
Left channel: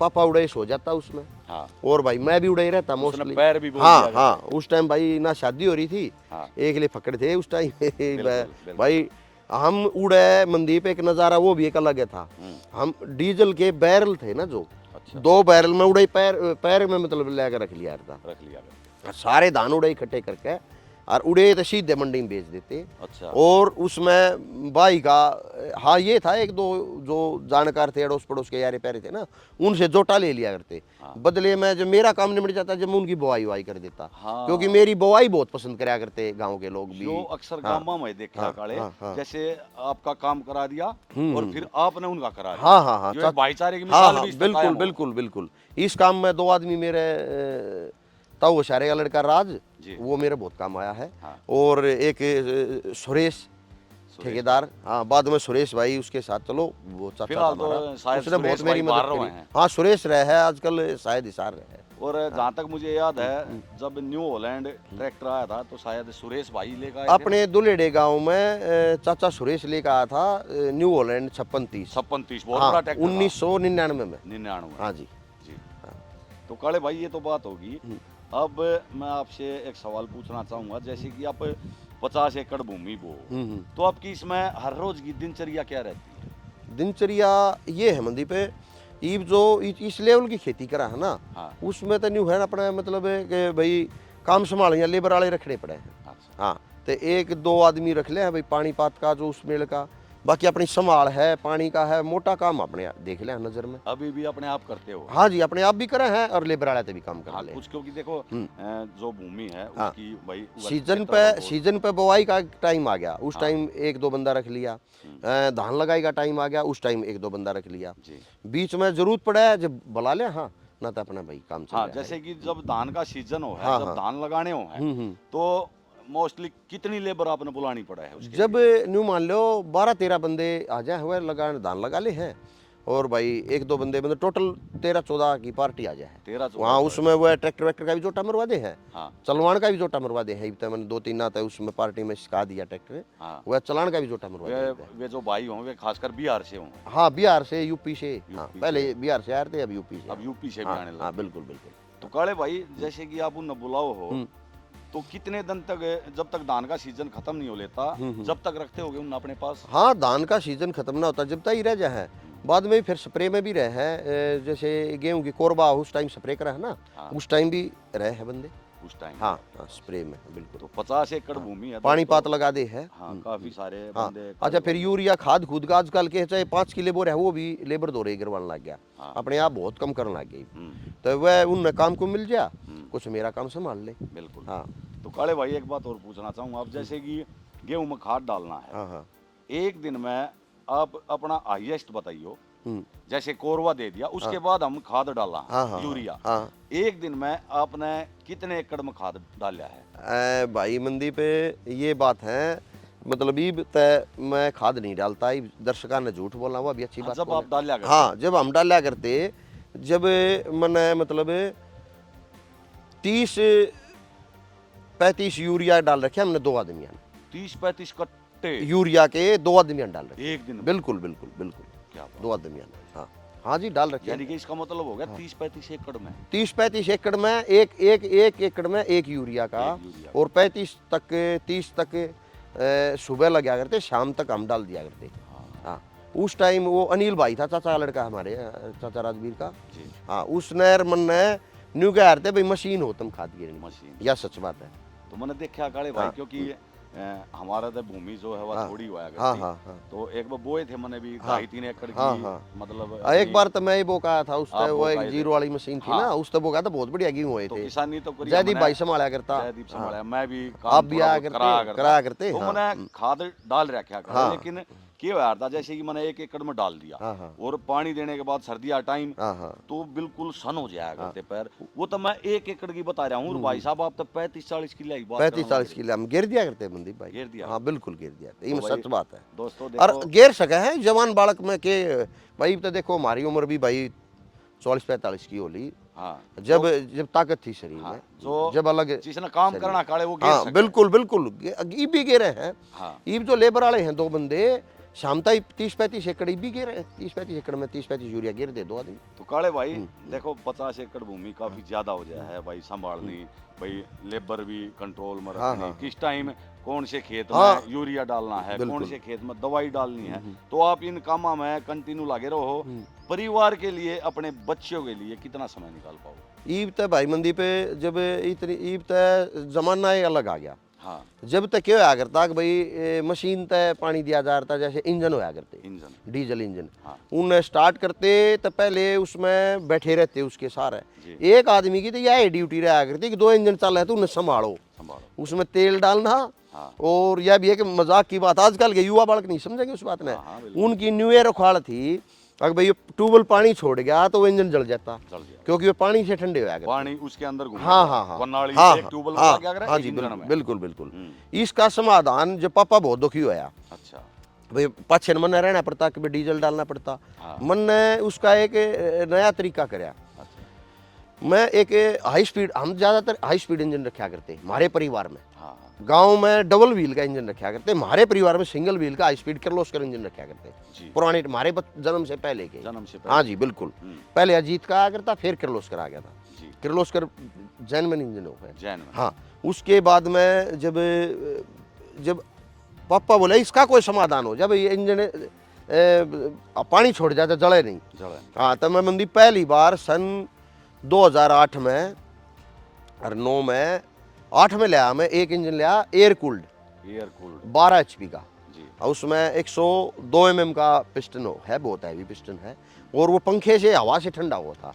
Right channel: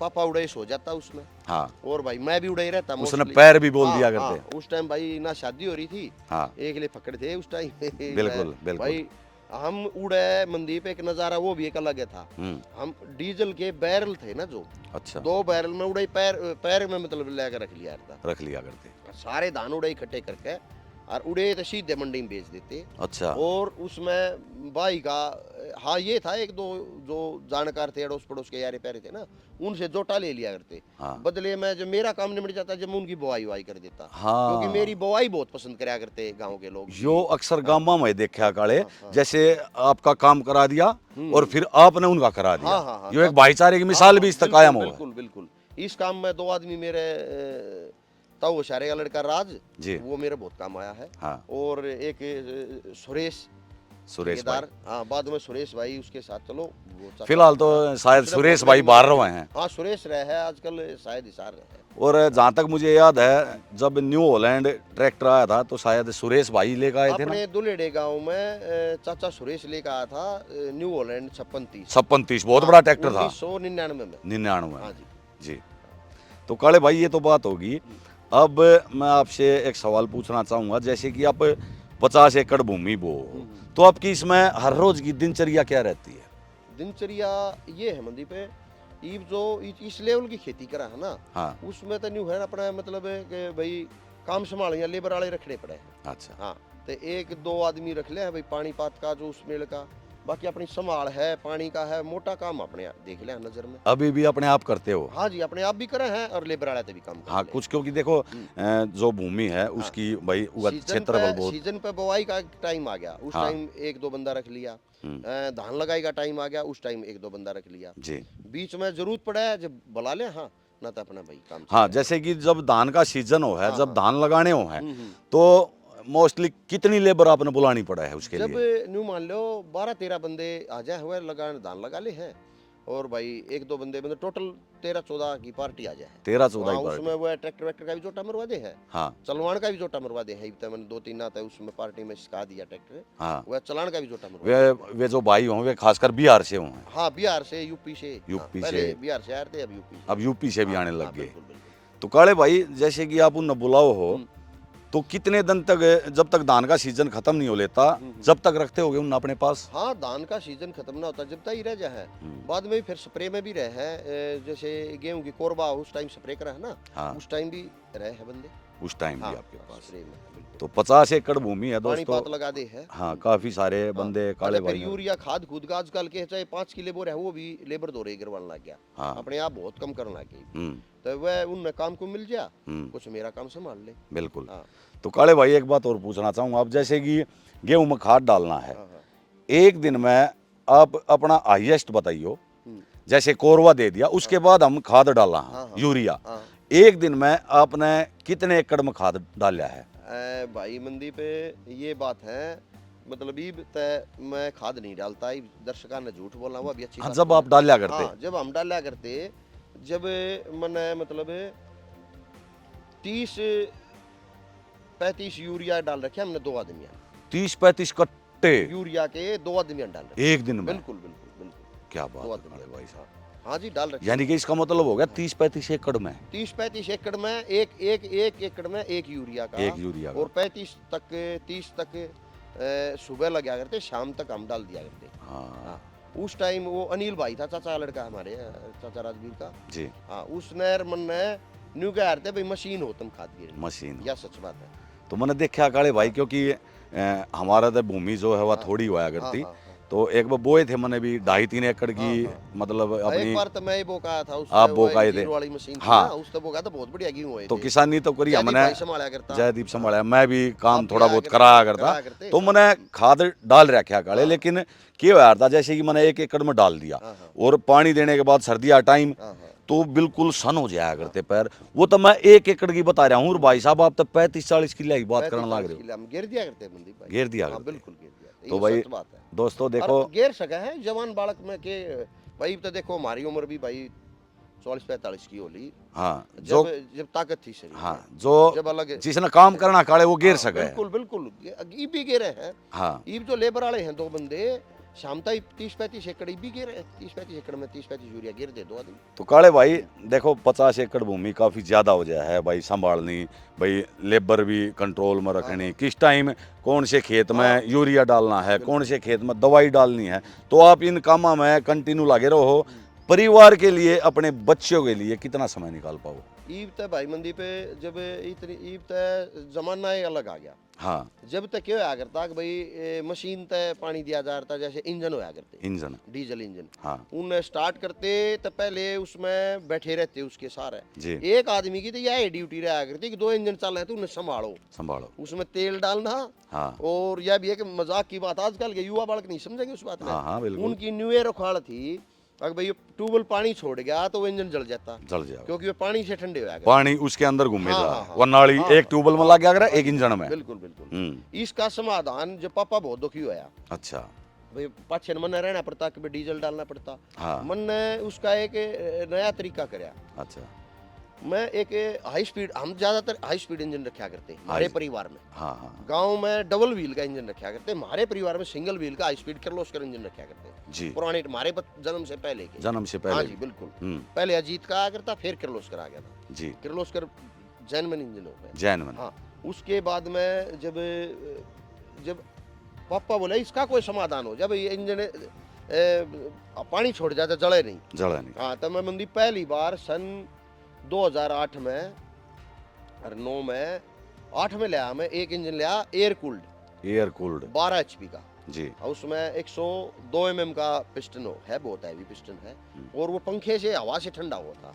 पापा उड़े सो जाता उसमें। हाँ। और भाई मैं भी उड़े रहता। उसने पैर भी बोल दिया करते। हाँ, उस टाइम भाई ना शादी हो रही थी। हाँ। एक ले फकड़ थे उस टाइम। बिल्कुल। भाई हम उड़े मंदीप, एक नज़ारा वो भी एक अलग था। हम डीजल के बैरल थे ना जो। अच्छा। 2 बैरल में उड़े पैर में मतलब लेकर रख लिया करते। सारे धान उड़े इकट्ठे करके और उड़े तो सीधे मंडी में बेच देते। अच्छा। और उसमें भाई का हाँ ये था, 1-2 जो जानकार थे अड़ोस पड़ोस के यारे प्यारे थे ना, उनसे जोटा ले लिया करते। हाँ। बदले में जब मेरा काम निपट जाता, जब मैं उनकी बुआई कर देता। हाँ। क्योंकि मेरी बुआई बहुत पसंद कराया करते गांव के लोग। जो अक्सर गांव में देखा काले, हाँ। जैसे आपका काम करा दिया और फिर आपने उनका करा दिया। हाँ। ये एक भाईचारे की मिसाल भी इस तक कायम हो। बिल्कुल। इस काम में 2 आदमी मेरे ताऊ वशारे का लड़का राज जी। वो मेरे बहुत काम आया है। हाँ। और एक सुरेश ठेकेदार। हाँ, बाद में सुरेश भाई उसके साथ चलो वो फिलहाल तो शायद सुरेश भाई बाहर रहे हैं। हाँ, सुरेश रहे हैं आजकल, शायद हिसार रहे हैं। और जहाँ तक मुझे याद है जब न्यू हॉलैंड ट्रैक्टर आया था तो शायद सुरेश भाई लेकर आए थे। अपने दुलेडे गांव में चाचा सुरेश लेकर आया था न्यू हॉलैंड 5630 बहुत बड़ा ट्रैक्टर था 1999 में। 99। हाँ जी। तो काले भाई ये तो बात होगी। अब मैं आपसे एक सवाल पूछना चाहूंगा, जैसे कि आप 50 एकड़ भूमि बो, तो आपकी इसमें हर रोज की दिनचर्या क्या रहती है? दिनचर्या ये है मंदी पे, ईब जो इस लेवल की खेती करा है ना। हाँ। उसमें तो न्यू है अपना मतलब है कि भाई काम संभालेंगे, लेबर वाले रखने पड़े हैं। अच्छा। हाँ, तो 1-2 आदमी रख ले हैं भाई, पानी पात का जो उसमें का, बाकी अपनी संभाल है, पानी का है, मोटा काम अपने देख ले नजर में। अभी भी अपने आप करते हो? हाँ जी, अपने आप भी करा है और लेबर वाले से भी काम कर। हाँ, कुछ क्योंकि देखो जो भूमि है उसकी भाई सीजन पे बुआई का टाइम आ गया, उस टाइम 1-2 बंदा रख लिया। धान लगाई का टाइम आ गया, उस टाइम 1-2 बंदा रख लिया जी। बीच में जरूरत पड़े जब बुला ले। हाँ, ना तो अपना भाई काम। हाँ, जैसे कि जब धान का सीजन हो है, जब धान लगाने हो है, तो मोस्टली कितनी लेबर आपने बुलानी पड़ा है उसके जब लिए? न्यू मान लो 12-13 बंदे आ जाए हुए लगान धान लगा ले हैं, और भाई 1-2 बंदे मतलब टोटल 13-14 की पार्टी आ जाए 13-14 वहाँ की उसमें वो ट्रैक्टर वैक्टर का भी जोटा मरवा दे है, हाँ चलवान का भी जोटा मरवा दे है। मैंने 2-3 आता है उसमें पार्टी में सिखा दिया ट्रैक्टर, हाँ। वह चलान का भी जोटा मरवा वे दिया। वे जो भाई हों वे खासकर बिहार से हों, हाँ बिहार से, यूपी से। हाँ, यूपी पहले से। बिहार से आए थे, अब यूपी से। अब यूपी से भी हाँ, आने लग हाँ, गए। बिल्कुल बिल्कुल। तो काले भाई जैसे कि आप उन बुलाओ हो तो कितने दिन तक, जब तक धान का सीजन खत्म नहीं हो लेता, जब तक रखते होगे उन अपने पास? हाँ धान का सीजन खत्म ना होता जब तक ही रह जाए है, बाद में फिर स्प्रे में भी रहे है, जैसे गेहूं की कोरबा उस टाइम स्प्रे करा है ना, हाँ। उस टाइम भी रहे हैं बंदे। उस टाइम हाँ, भी आपके पास? स्प्रे में बिल्कुल। तो 50 एकड़ भूमि है पानी दोस्तों। पात लगा दे है। हाँ काफी सारे हाँ। बंदे अच्छा काले फिर भाई हैं। यूरिया खाद खुद का आजकल के चाहे 5 की लेबर है वो भी लेबर दो रही करवाने लग गया, हाँ। अपने आप बहुत कम करने लग गई। हम्म, तो वह उन काम को मिल जा, हम्म। कुछ मेरा काम संभाल ले। बिल्कुल। हाँ तो काले भाई एक बात और पूछना चाहूँगा, आप जैसे कि गेहूं में खाद डालना है, हाँ हाँ। एक दिन में आप अपना हाईएस्ट बताइयो, हम्म, जैसे कोरवा दे दिया उसके बाद हम खाद डालना हाँ, है हाँ, यूरिया, हाँ। एक दिन में आपने कितने एकड़ में खाद डाला है? भाई मंदी पे ये बात है, मतलब ईब तय मैं खाद नहीं डालता, ईब दर्शका ने झूठ बोला हुआ भी अच्छी बात जब नहीं आप डाला करते? हाँ जब हम डाला करते, जब मैंने मतलब 30-35 यूरिया डाल रखे हमने 2 आदमी 30-35 कट्टे यूरिया के 2 आदमी डाल रखे। एक दिन में? बिल्कुल बिल्कुल बिल्कुल। क्या बात 2 है आदमी भाई साहब। हाँ हाँ जी डाल रखे। यानी कि इसका मतलब हो गया 30-35 एकड़ में? 30-35 एकड़ में एक एकड़ में 1 यूरिया का, एक यूरिया का। और 30 तक सुबह लगा करते, शाम तक हम डाल दिया करते। हाँ हाँ उस टाइम वो अनिल भाई था, चाचा लड़का हमारे, चाचा राजवीर का। जी। हाँ उसने मन ने न्यू कह रहे थे भाई मशीन हो तुम खाद गिरने, मशीन। या सच बात है। तो मैंने देखा काले भाई, हाँ। क्योंकि हमारा तो भूमि जो है वह हाँ। थोड़ी हुआ हाँ करती, हाँ हाँ। तो एक बार बोए थे मैंने भी 2.5-3 एकड़ की, हाँ, हाँ। मतलब एक अपनी। बार तो मैं ही बोका था, आप उससे बोकाए थे? जीरो वाली मशीन थी हाँ। ना, उससे बोका था, बहुत बढ़िया गेहूं हुए तो थे। किसानी तो करी जयदीप हमने, भाई संभाला करता। जयदीप हाँ। संभाला, मैं भी आप काम भी थोड़ा आया बहुत करते, करा करा करता, करते, तो हाँ। मैंने खाद डाल रखा काले, हाँ। लेकिन क्या हुआ था, जैसे कि मैंने 1 एकड़ में डाल दिया, हाँ, हाँ। और पानी देने के बाद सर्दी आ टाइम, हाँ हाँ। तो बिल्कुल सन हो जाया करते पैर। वो तो मैं 1 एकड़ की बता रहा हूँ, और भाई साहब आप तो 35-40 किलो की बात करने लग 35-40 रहे हो। किलो हम घेर दिया करते हैं मनदीप भाई। घेर दिया हाँ करते? बिल्कुल घेर दिया, तो ये भाई सच बात है। दोस्तों और देखो, घेर सके हैं जवान बालक में के भाई, तो देखो हमारी उम्र भी भाई 40-45 की होली, हाँ जब जब ताकत थी शरीर हाँ में, जो जब अलग जिसने काम करना काले वो घेर हाँ, सके। बिल्कुल बिल्कुल। ईब भी घेरे हैं। हाँ ईब जो लेबर वाले हैं 2 बंदे, शामता 30-35 एकड़ ईब भी घेरे हैं। 30-35 एकड़ में 30-35 यूरिया घेर दे 2 आदमी। तो काले भाई देखो 50 एकड़ भूमि काफी ज्यादा हो जाए है भाई, संभालनी भाई, लेबर भी कंट्रोल में रखनी, हाँ। किस टाइम कौन से खेत हाँ। में यूरिया डालना है, कौन बिल्कुल। से खेत में दवाई डालनी है, तो आप इन कामों में कंटिन्यू लगे रहो। परिवार के लिए, अपने बच्चों के लिए कितना समय निकाल पाओ? ईब तक भाई मंदी पे जब इतनी ईब तक जमाना ही अलग आ गया। हाँ जब तक क्या होया करता कि भाई मशीन तय पानी दिया जा रहा, जैसे इंजन होया करते, इंजन। Diesel engine. हाँ उन स्टार्ट करते तो पहले उसमें बैठे रहते उसके सारे, जी। एक आदमी की तो यह ड्यूटी रहा करती कि 2 इंजन चल रहे तो उन्हें संभालो, उसमें तेल डालना। हाँ। और यह भी है कि मजाक की बात, आजकल के युवा बालक नहीं समझेंगे उस बात में। हाँ, बिल्कुल। उनकी न्यू ईयर उखाड़ थी, अगर भाई ट्यूबवेल पानी छोड़ गया तो वो इंजन जल जाता, क्योंकि वो पानी से ठंडे हो गया, पानी उसके अंदर घूम हाँ, हाँ, हाँ। वो नाली हाँ, एक ट्यूबवेल में हाँ, लग गया करे, हाँ एक जी, इंजन में। बिल्कुल बिल्कुल। इसका समाधान जब पापा बहुत दुखी होया, अच्छा भाई पाछे मन रहना पड़ता कि भाई डीजल डालना पड़ता। हाँ। मन ने उसका एक नया तरीका कराया। अच्छा। मैं एक हाई स्पीड, हम ज्यादातर हाई स्पीड इंजन रखा करते हमारे परिवार में। हाँ हाँ। गांव में डबल व्हील का इंजन रखा करते, हमारे परिवार में सिंगल व्हील का हाई स्पीड किर्लोस्कर इंजन रखा करते जी। पुराने हमारे जन्म से पहले के। जन्म से पहले? हाँ जी बिल्कुल। पहले अजीत का आया करता, फिर किर्लोस्कर आ गया था जी। किर्लोस्कर जैनमन इंजन हो गया। जैनमन। हाँ उसके बाद में जब पापा बोले इसका कोई समाधान हो, जब ये इंजन पानी छोड़ जाता जले नहीं। हाँ तो मैं मंदी पहली बार सन 2008 में और 9 में 8 में लिया, मैं एक इंजन लिया एयर कूल्ड 12 HP का जी। उसमें 102 mm का पिस्टन है, बहुत हैवी पिस्टन है, और वो पंखे से हवा से ठंडा हुआ था।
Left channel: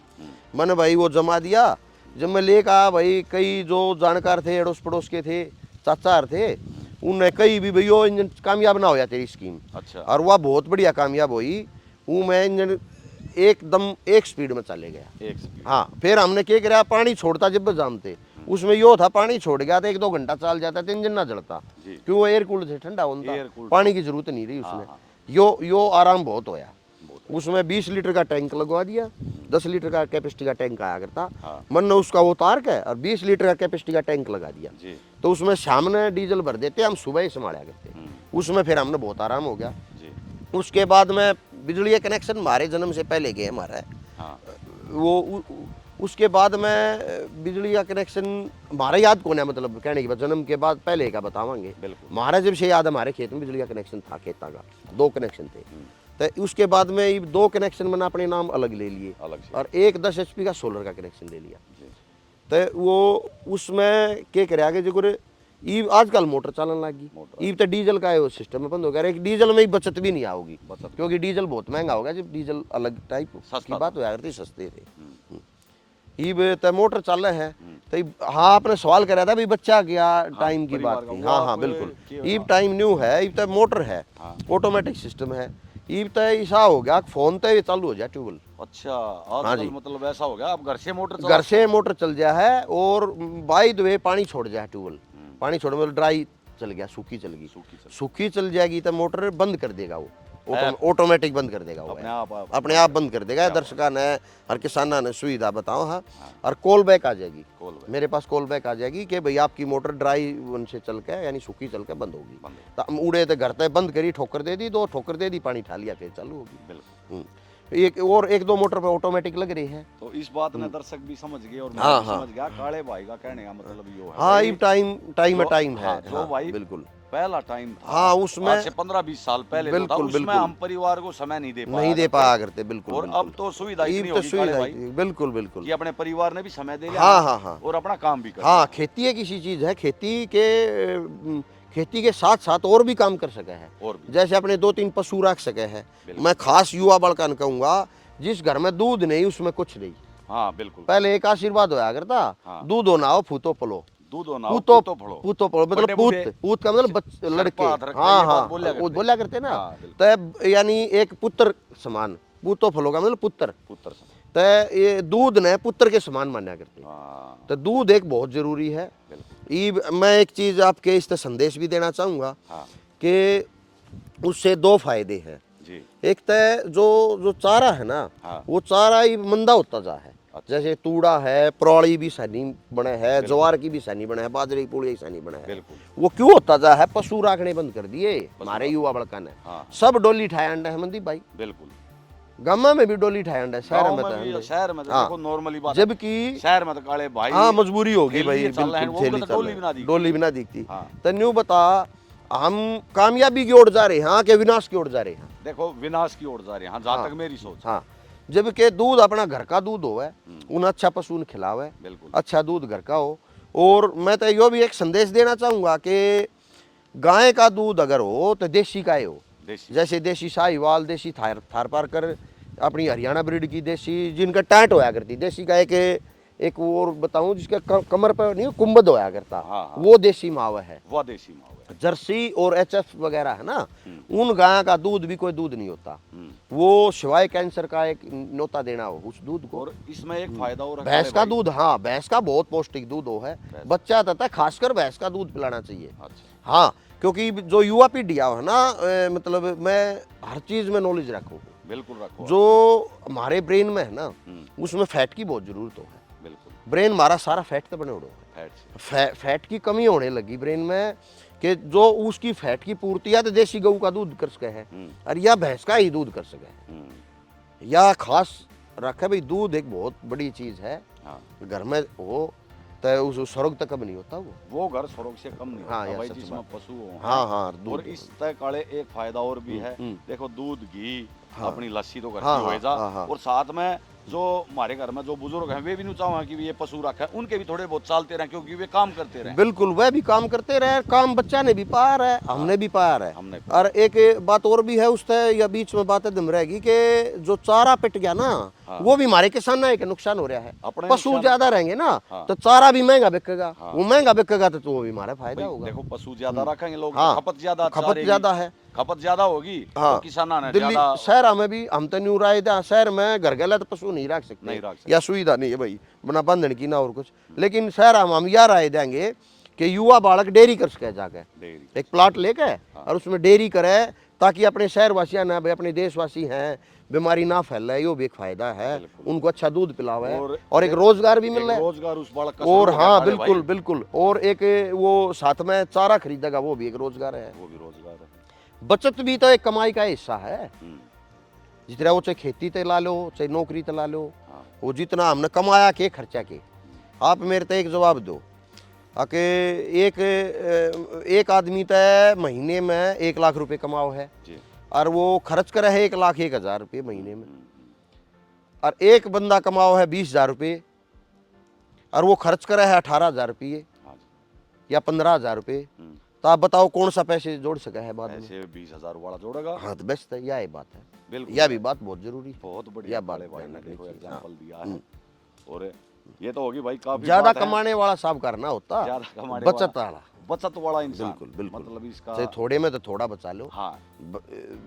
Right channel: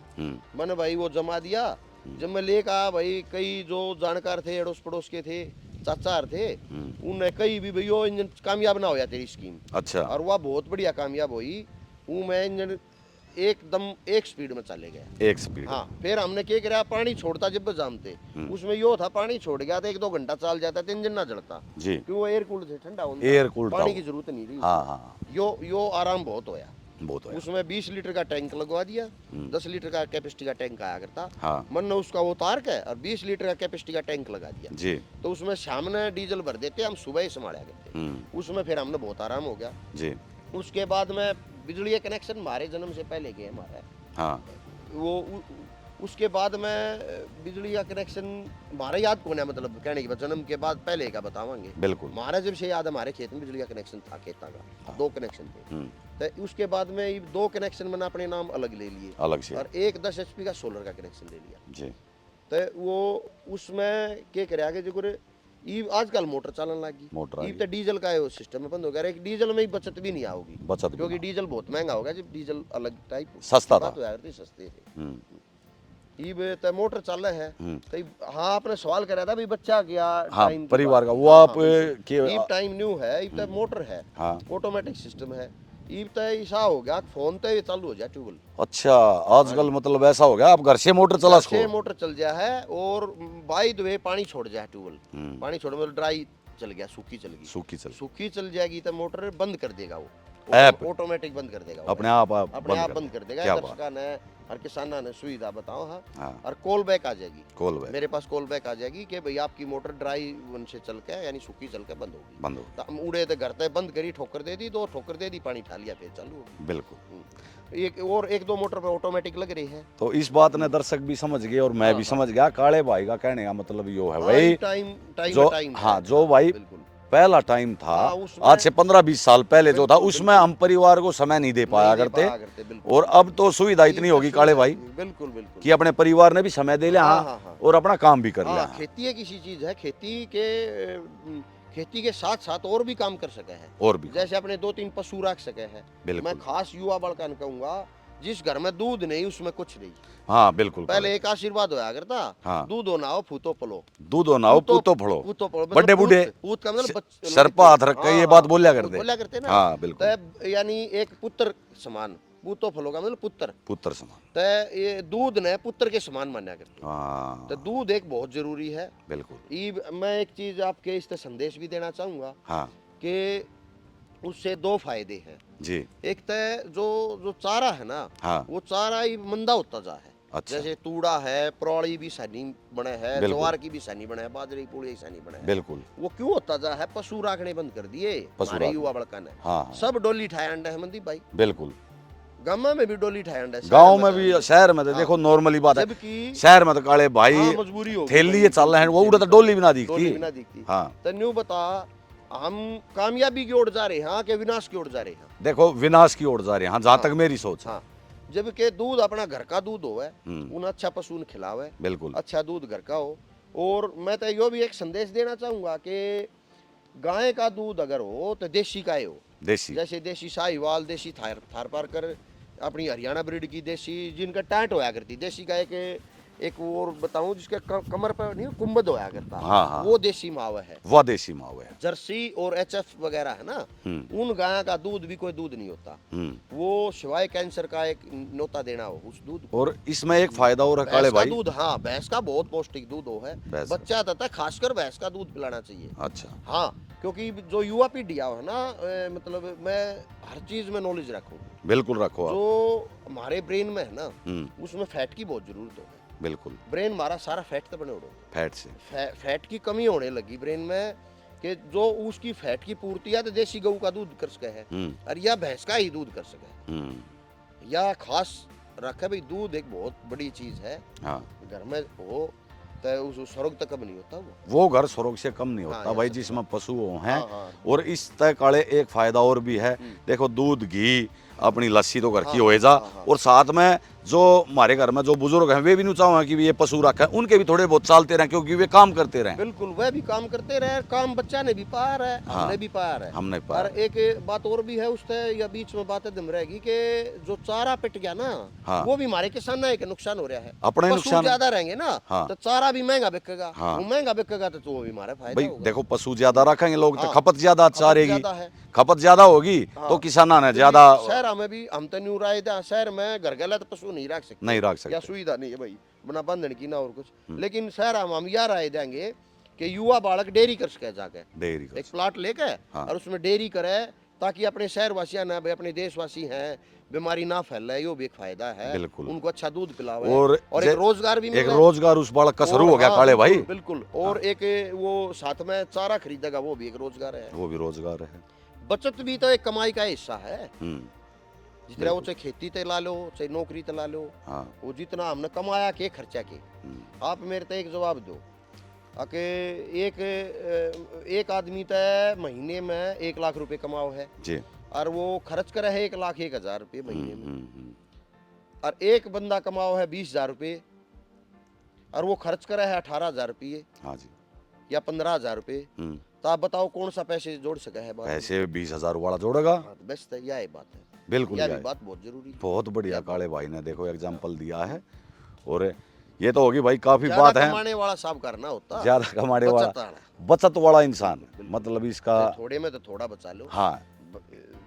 मैंने भाई वो जमा दिया। जब मैं लेकर आया भाई, कई जो जानकार थे अड़ोस पड़ोस के थे, चाचा थे, उनने कई भी भाई वो इंजन कामयाब ना होया तेरी स्कीम। अच्छा। और वह बहुत बढ़िया कामयाब हुई। वो मैं इंजन एकदम एक स्पीड में चले गया। एक स्पीड। हाँ, फिर हमने क्या करा, पानी छोड़ता जब जामते उसमें यो था, पानी छोड़ गया था 1-2 घंटा चल जाता तो इंजन ना जलता जी। क्यों, वो एयर कूल्ड थे, ठंडा होता, एयर कूल्ड पानी की जरूरत नहीं रही हाँ, उसमें। हाँ। यो आराम बहुत होया बहुत है। उसमें। 20 लीटर का टैंक लगवा दिया, 10 लीटर का कैपेसिटी का टैंक आया करता, हाँ। मन ने उसका वो तार के और 20 लीटर का कैपेसिटी का टैंक लगा दिया जी। तो उसमें शाम ने डीजल भर देते, हम सुबह ही संभाला करते, उसमें फिर हमने बहुत आराम हो गया जी। उसके बाद में बिजली का कनेक्शन हमारे जन्म से पहले गए हमारा, हाँ। उसके बाद में बिजली का कनेक्शन हमारा याद कौन है, मतलब कहने के बाद जन्म के बाद पहले का बतावांगे। बिल्कुल। हमारा जब से याद, हमारे खेत में बिजली का कनेक्शन था, खेता का 2 कनेक्शन थे, तो उसके बाद में ये 2 कनेक्शन मैंने अपने नाम अलग ले लिए अलग से। और एक 10 HP का सोलर का कनेक्शन ले लिया। जी। तो वो उसमें क्या करे आगे जो करे, ये आजकल मोटर चलन लगी, मोटर ये तो डीजल का है वो सिस्टम में बंद हो गया, एक डीजल में ही बचत भी नहीं आओगी, बचत क्योंकि डीजल बहुत महंगा हो गया, जब डीजल अलग टाइप सस्ता बात हो जाती, सस्ते थे। ये तो मोटर चल रहा है, तो हाँ आपने सवाल करा था भी बच्चा क्या टाइम की परिवार बात का की। वो हाँ, आप हाँ, बिल्कुल। ये टाइम न्यू है, ये तो मोटर है, हाँ। ऑटोमेटिक सिस्टम है, ये तो ऐसा हो गया फोन तो ये चालू हो जाए ट्यूबवेल। अच्छा, आजकल मतलब ऐसा हो गया, आप घर से मोटर चला घर से मोटर चल जाए है और बाई द वे पानी छोड़ जाए ट्यूबवेल, पानी छोड़ मतलब ड्राई चल गया, सूखी चल गई, सूखी चल जाएगी तो मोटर बंद कर देगा, वो ऑटोमेटिक बंद कर देगा, अपने आप बंद कर देगा। दर्शकों ने हर किसाना ने सुविधा बताओ। हाँ, और कॉल बैक आ जाएगी, मेरे पास कॉल बैक आ जाएगी कि भाई आपकी मोटर ड्राई से चल के यानी सूखी चल के बंद होगी, तो हम उड़े तो घर तक बंद करी, ठोकर दे दी, 2 ठोकर दे दी, पानी ठा लिया, फिर चालू होगी। बिल्कुल। एक और 1-2 मोटर पे ऑटोमेटिक लग रही है। तो इस बात ने दर्शक भी समझ गए और मैं भी समझ गया, काले भाई का कहने का मतलब यो है भाई टाइम हाँ, जो भाई बिल्कुल पहला टाइम था, हाँ, उसमें आज से 15-20 साल पहले जो था, उसमें हम परिवार को समय नहीं दे पाया करते, बिल्कुल। और अब तो सुविधा इतनी होगी काले भाई, बिल्कुल बिल्कुल, कि अपने परिवार ने भी समय दे लिया और अपना काम भी कर लिया। खेती एक ऐसी चीज है, खेती के साथ साथ और भी काम कर सके है, और भी जैसे अपने 2-3 पशु रख सके है। मैं खास युवा बड़कन कहूंगा, जिस घर में दूध नहीं उसमें कुछ नहीं। हाँ बिल्कुल, पहले एक आशीर्वाद होया करता, दूध होना हो फूतो पलो, दूध होना हो पूतो फड़ो, बड़े बूढ़े, पूत का मतलब सर पर हाथ रख के ये बात बोलिया करते ना। हाँ, बिल्कुल। तो यानी एक पुत्र समान, पूतो फलो का मतलब पुत्र समान, तो ये दूध ने पुत्र के समान माना करते। हाँ, तो दूध एक बहुत जरूरी है। बिल्कुल। मैं एक चीज आपके इस संदेश भी देना चाहूंगा कि उससे 2 फायदे हैं जी। एक तो जो चारा है ना, वो चारा ही मंदा होता जा है। अच्छा। जैसे तूड़ा है, प्रौड़ी भी सैनी बने है, ज्वार की भी सैनी बने है, बाजरे की पूड़ी सैनी बने है, बिल्कुल। वो क्यों होता जा है, पशु राखने बंद कर दिए हमारे युवा बड़का ने। सब डोली ठाया अंडा है मनदीप भाई, बिल्कुल। गांव में भी डोली ठाया अंडा, गांव में भी, शहर में देखो नॉर्मली बात है, जबकि शहर में तो काले भाई मजबूरी हो गई, चल रहे हैं वो तो डोली भी ना दिखती। तो न्यू बता, हम कामयाबी की ओर जा रहे हैं कि विनाश की ओर जा रहे हैं? देखो विनाश की ओर जा रहे हैं, जहाँ तक मेरी सोच। जबकि दूध अपना घर का दूध हो है, उन अच्छा पशु खिलावे, बिल्कुल अच्छा दूध घर का हो। और मैं तो यो भी एक संदेश देना चाहूंगा कि गाय का दूध अगर हो तो देसी गाय हो, जैसे देसी साहिवाल, देसी थारपारकर, अपनी हरियाणा ब्रीड की देसी, जिनका टाट होया करती देसी गाय के। एक और बताऊं जिसके कमर पर नहीं कुंभद होया करता, वो देसी मावा है, वो देसी मावा है। जर्सी और HF वगैरह है ना, उन गाय का दूध भी कोई दूध नहीं होता, वो सिवाय कैंसर का एक न्योता देना हो उस दूध को। और इसमें एक फायदा और है, भैंस का दूध, हाँ भैंस का बहुत पौष्टिक दूध हो है, बच्चा तथा खासकर भैंस का दूध पिलाना चाहिए। अच्छा, हाँ, क्योंकि जो युवा पीढ़ी है ना, मतलब मैं हर चीज में नॉलेज रखूँ, बिल्कुल रखो। जो हमारे ब्रेन में है ना, उसमें फैट की बहुत जरूरत हो, बिल्कुल। ब्रेन हमारा सारा फैट से बने हुए, फैट की कमी होने लगी ब्रेन में, कि जो उसकी फैट की पूर्ति या तो देसी गऊ का दूध कर सके है, और या भैंस का ही दूध कर सके, या खास रखे भाई दूध एक बहुत बड़ी चीज है। घर में हो तो उस स्वर्ग तक कम नहीं होता, वो घर स्वर्ग से कम नहीं होता भाई, जिसमें पशु हो। और इस तय काले एक फायदा और भी है, देखो दूध, घी, अपनी लस्सी तो घर की हो जा, और साथ में जो हमारे घर में जो बुजुर्ग हैं वे भी नहीं चाहें कि ये पशु रखे, उनके भी थोड़े बहुत चालते रहे, क्योंकि वे काम करते रहे। बिल्कुल, वह भी काम करते रहे, काम बच्चा ने भी पाया है, हमने भी पाया है, हमने। और एक बात और भी है उससे, या बीच में बात दम रहेगी कि जो चारा पिट गया ना, वो भी हमारे किसान के नुकसान हो रहा है। अपने पशु ज्यादा रहेंगे ना, तो चारा भी महंगा बिकेगा, वो महंगा बिकेगा तो वो भी हमारा फायदा होगा। देखो पशु ज्यादा रखेंगे लोग, खपत ज्यादा है, खपत ज्यादा होगी हाँ। तो किसाना ने दिल्ली ज्यादा शहर में भी हम तो नहीं रहे थे, शहर में घर गला तो पशु नहीं रख सकते, नहीं रख सकते। या सुविधा नहीं है भाई बना बंधन की ना और कुछ। लेकिन शहर में हम यह राय देंगे कि युवा बालक डेयरी कर सके जाके, डेयरी एक प्लाट लेके हाँ। और उसमें डेयरी करे, ताकि अपने शहरवासियां ना भाई अपने देशवासी हैं, बीमारी ना फैले, यो भी एक फायदा है। बिल्कुल। उनको अच्छा दूध पिलावे और और एक रोजगार भी एक मिले। रोजगार उस बालक का शुरू और हो गया हाँ, काले बिल्कुल, भाई। बिल्कुल। और एक वो साथ में चारा खरीदेगा, वो भी एक रोजगार है। वो भी रोजगार है। बचत भी तो एक कमाई का हिस्सा है। हम्म, जितना वो चाहे खेती ते ला लो, चाहे नौकरी ते ला लो, हाँ। वो जितना हमने कमाया के खर्चा के। आप मेरे तो एक जवाब दो कि एक आदमी तो महीने में 1 लाख रुपए कमाओ है जी। और वो खर्च करे है 1,01,000 रुपये महीने में, हम्म, और एक बंदा कमाओ है 20,000 रुपये और वो खर्च करे है 18,000 रुपये हाँ जी। या 15,000 रुपये। हम्म, तो आप बताओ कौन सा पैसे जोड़ सका है बाद में? पैसे 20,000 वाला जोड़ेगा। हाँ, तो बेस्ट है, यह बात है। बिल्कुल यह भी भाई। बात बहुत जरूरी है। बहुत बढ़िया या बात काले भाई ने देखो हाँ। एग्जांपल दिया है। और ये तो होगी भाई काफी ज्यादा बात है। कमाने वाला साहब करना होता, ज्यादा कमाने बचत वाला, वाला। बचत वाला इंसान, बिल्कुल, बिल्कुल। मतलब इसका चाहे थोड़े में तो थोड़ा बचा लो। हाँ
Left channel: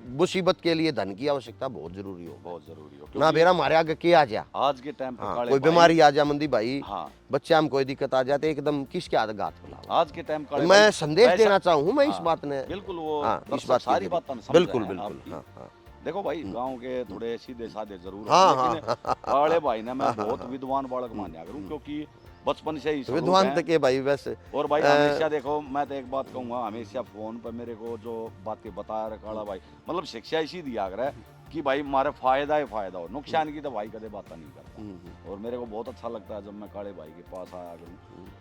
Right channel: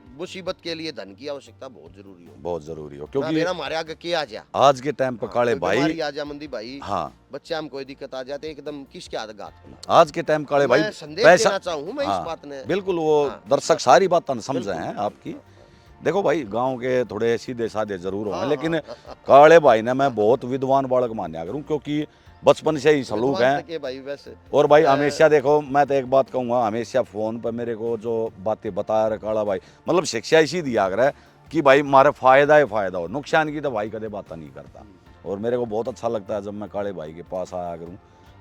मुसीबत के लिए धन की आवश्यकता बहुत जरूरी हो। बहुत जरूरी हो, ना क्योंकि मेरा हमारे आगे के आ जा, आज के टाइम पे हाँ, काले कोई भाई, बीमारी आ जा मंदी भाई, हाँ बच्चे में कोई दिक्कत आ जाते एकदम किसके आगे गात फैला। आज के टाइम काले भाई मैं संदेश देना चाहूँ मैं इस हाँ, बात ने। बिल्कुल वो हाँ, इस दर्शक बात सारी को- बात समझ बिल्कुल, रहे हैं बिल्कुल, आपकी। हाँ, हाँ। देखो भाई गांव के थोड़े सीधे साधे जरूर हाँ, हैं, हाँ, लेकिन हाँ, काले भाई ने मैं बहुत विद्वान बालक मान्या करूं, क्योंकि बचपन से ही सलूक विद्वान है। तक के भाई वैसे। और भाई हमेशा देखो, मैं तो एक बात कहूंगा, हमेशा फोन पर मेरे को जो बातें बताया रहा काला भाई, मतलब शिक्षा इसी दिया कर है कि भाई हमारे फायदा ही फायदा हो, नुकसान की तो भाई कदे बात नहीं करता। और मेरे को बहुत अच्छा लगता है जब मैं काले भाई के पास आया करूं।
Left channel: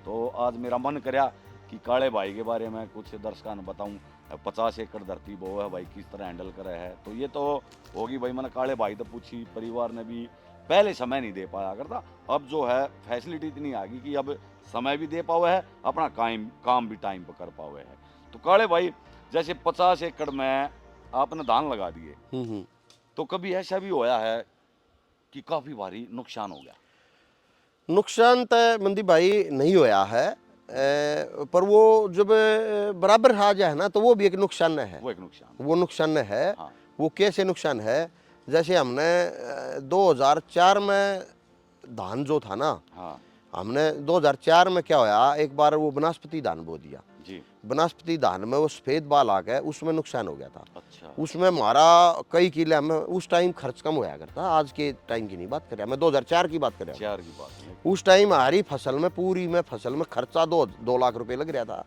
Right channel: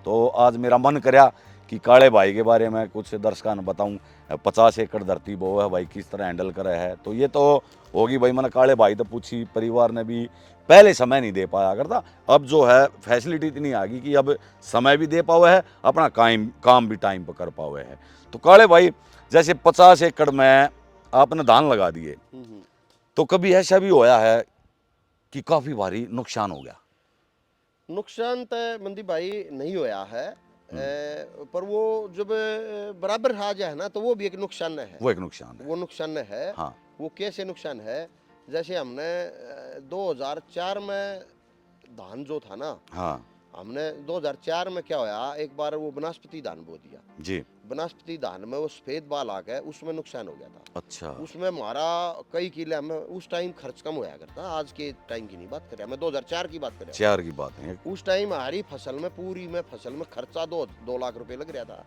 तो आज मेरा मन करया कि काले भाई के बारे में कुछ दर्शकों ने बताऊं। 50 एकड़ धरती बो है भाई, किस तरह हैंडल करे है। तो ये तो होगी भाई, मैंने काले भाई तो पूछी, परिवार ने भी पहले समय नहीं दे पाया करता, अब जो है फैसिलिटी इतनी आ गई कि अब समय भी दे पावे है, अपना काम भी टाइम पर कर पावे है। तो काले भाई जैसे 50 एकड़ में आपने धान लगा दिए, तो कभी ऐसा भी होया है कि काफी भारी नुकसान हो गया? नुकसान तो मंदी भाई नहीं होया है, पर वो जब बराबर आ जाए ना तो वो भी एक नुकसान है। वो एक नुकसान है। वो नुकसान है। हाँ। वो कैसे नुकसान है? जैसे हमने 2004 में धान जो था ना, हाँ हमने 2004 में क्या होया, एक बार वो वनस्पति धान बो दिया। जी। वनस्पति धान में वो सफेद बाल आ गए, उसमें नुकसान हो गया था। अच्छा। उसमें हमारा कई किले में उस टाइम खर्च कम होया करता, आज के टाइम की नहीं बात कर रहा मैं, 2004 की बात कर रहा 4 की बात है। हूँ। उस टाइम हमारी फसल में, पूरी में फसल में खर्चा 2 लाख रुपए लग रहा था।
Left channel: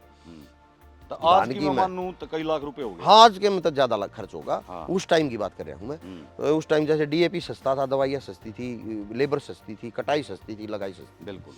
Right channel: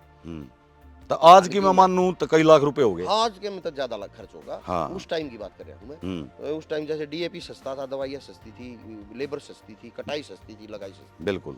तो आज धान की की मैं मैं- मानूं तो कई लाख रुपए हो गए। हाँ, आज के में तो ज्यादा खर्च होगा। हाँ। उस टाइम की बात कर रहा हूँ मैं। तो उस टाइम जैसे डीएपी सस्ता था, दवाइयाँ सस्ती थी, लेबर सस्ती थी, कटाई सस्ती थी, लगाई सस्ती। बिल्कुल।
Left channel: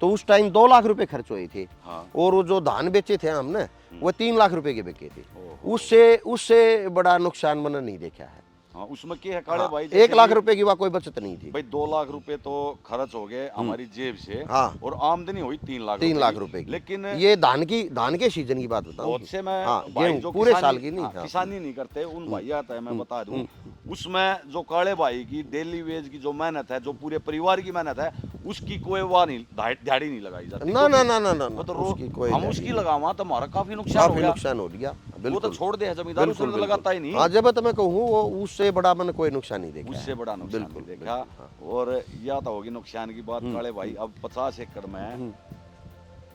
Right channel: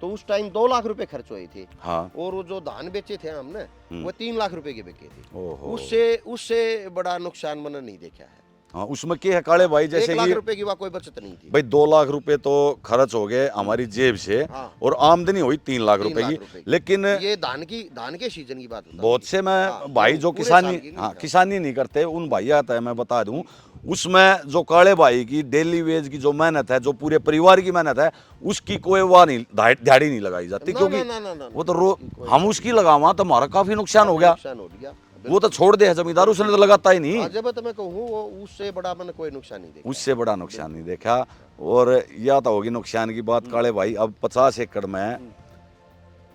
तो उस टाइम 2 लाख रुपए खर्च हुए थे। हाँ। और वो जो धान बेचे थे हमने, वो 3 लाख रुपए के बेचे थे। ओहो। उससे बड़ा नुकसान मैंने नहीं देखा है। हाँ, उसमें क्या है काले भाई, जैसे 1 लाख कि रुपए की वहाँ कोई बचत नहीं थी। भाई 2 लाख रुपए तो खर्च हो गए हमारी जेब से, हाँ। और आमदनी हुई 3 लाख 3 लाख रुपए रुपए की। की। लेकिन ये धान के सीजन की बात बताऊं। बहुत से मैं हाँ, भाई गेहूं, जो पूरे साल की किसानी, नहीं, हाँ, हाँ। किसानी नहीं करते उन भाई आता है, मैं बता दूं, उसमें जो काले भाई की डेली वेज की जो मेहनत है, जो पूरे परिवार की मेहनत है, उसकी कोई वाह नहीं, दिहाड़ी नहीं लगाई जाती। ना, क्योंकि ना, ना, ना, ना, वो तो उसकी कोई हम उसकी लगावा तो हमारा काफी नुकसान हो काफी गया। नुकसान हो गया। वो तो छोड़ दे है जमींदार, उसने तो लगाता ही नहीं। हाँ, जब तो मैं कहूँ वो उससे बड़ा मैंने कोई नुकसान नहीं देखा। उससे बड़ा नुकसान नहीं देखा। और या तो होगी नुकसान की बात काले भाई। अब 50 एकड़ में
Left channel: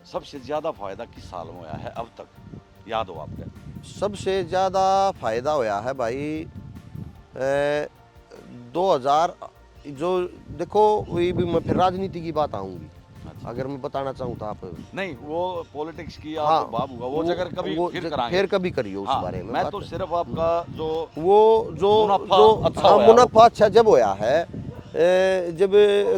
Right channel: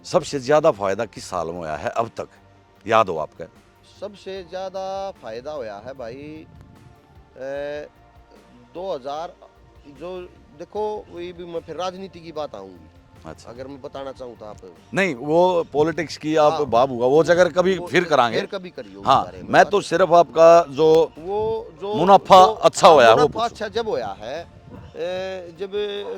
सबसे ज्यादा फायदा किस साल में हुआ है अब तक, याद हो आपका? सबसे ज्यादा फायदा होया है भाई 2000, जो देखो वही भी मैं फिर राजनीति की बात आऊंगी। अच्छा। अगर मैं बताना चाहूँ तो आप नहीं, वो पॉलिटिक्स की आप हाँ, बाब होगा, वो जगह कभी वो फिर करांगे। फिर कभी करियो उस हाँ, बारे में मैं बात। तो सिर्फ आपका जो वो जो मुनाफा अच्छा हाँ, होया, वो मुनाफा अच्छा जब होया है जब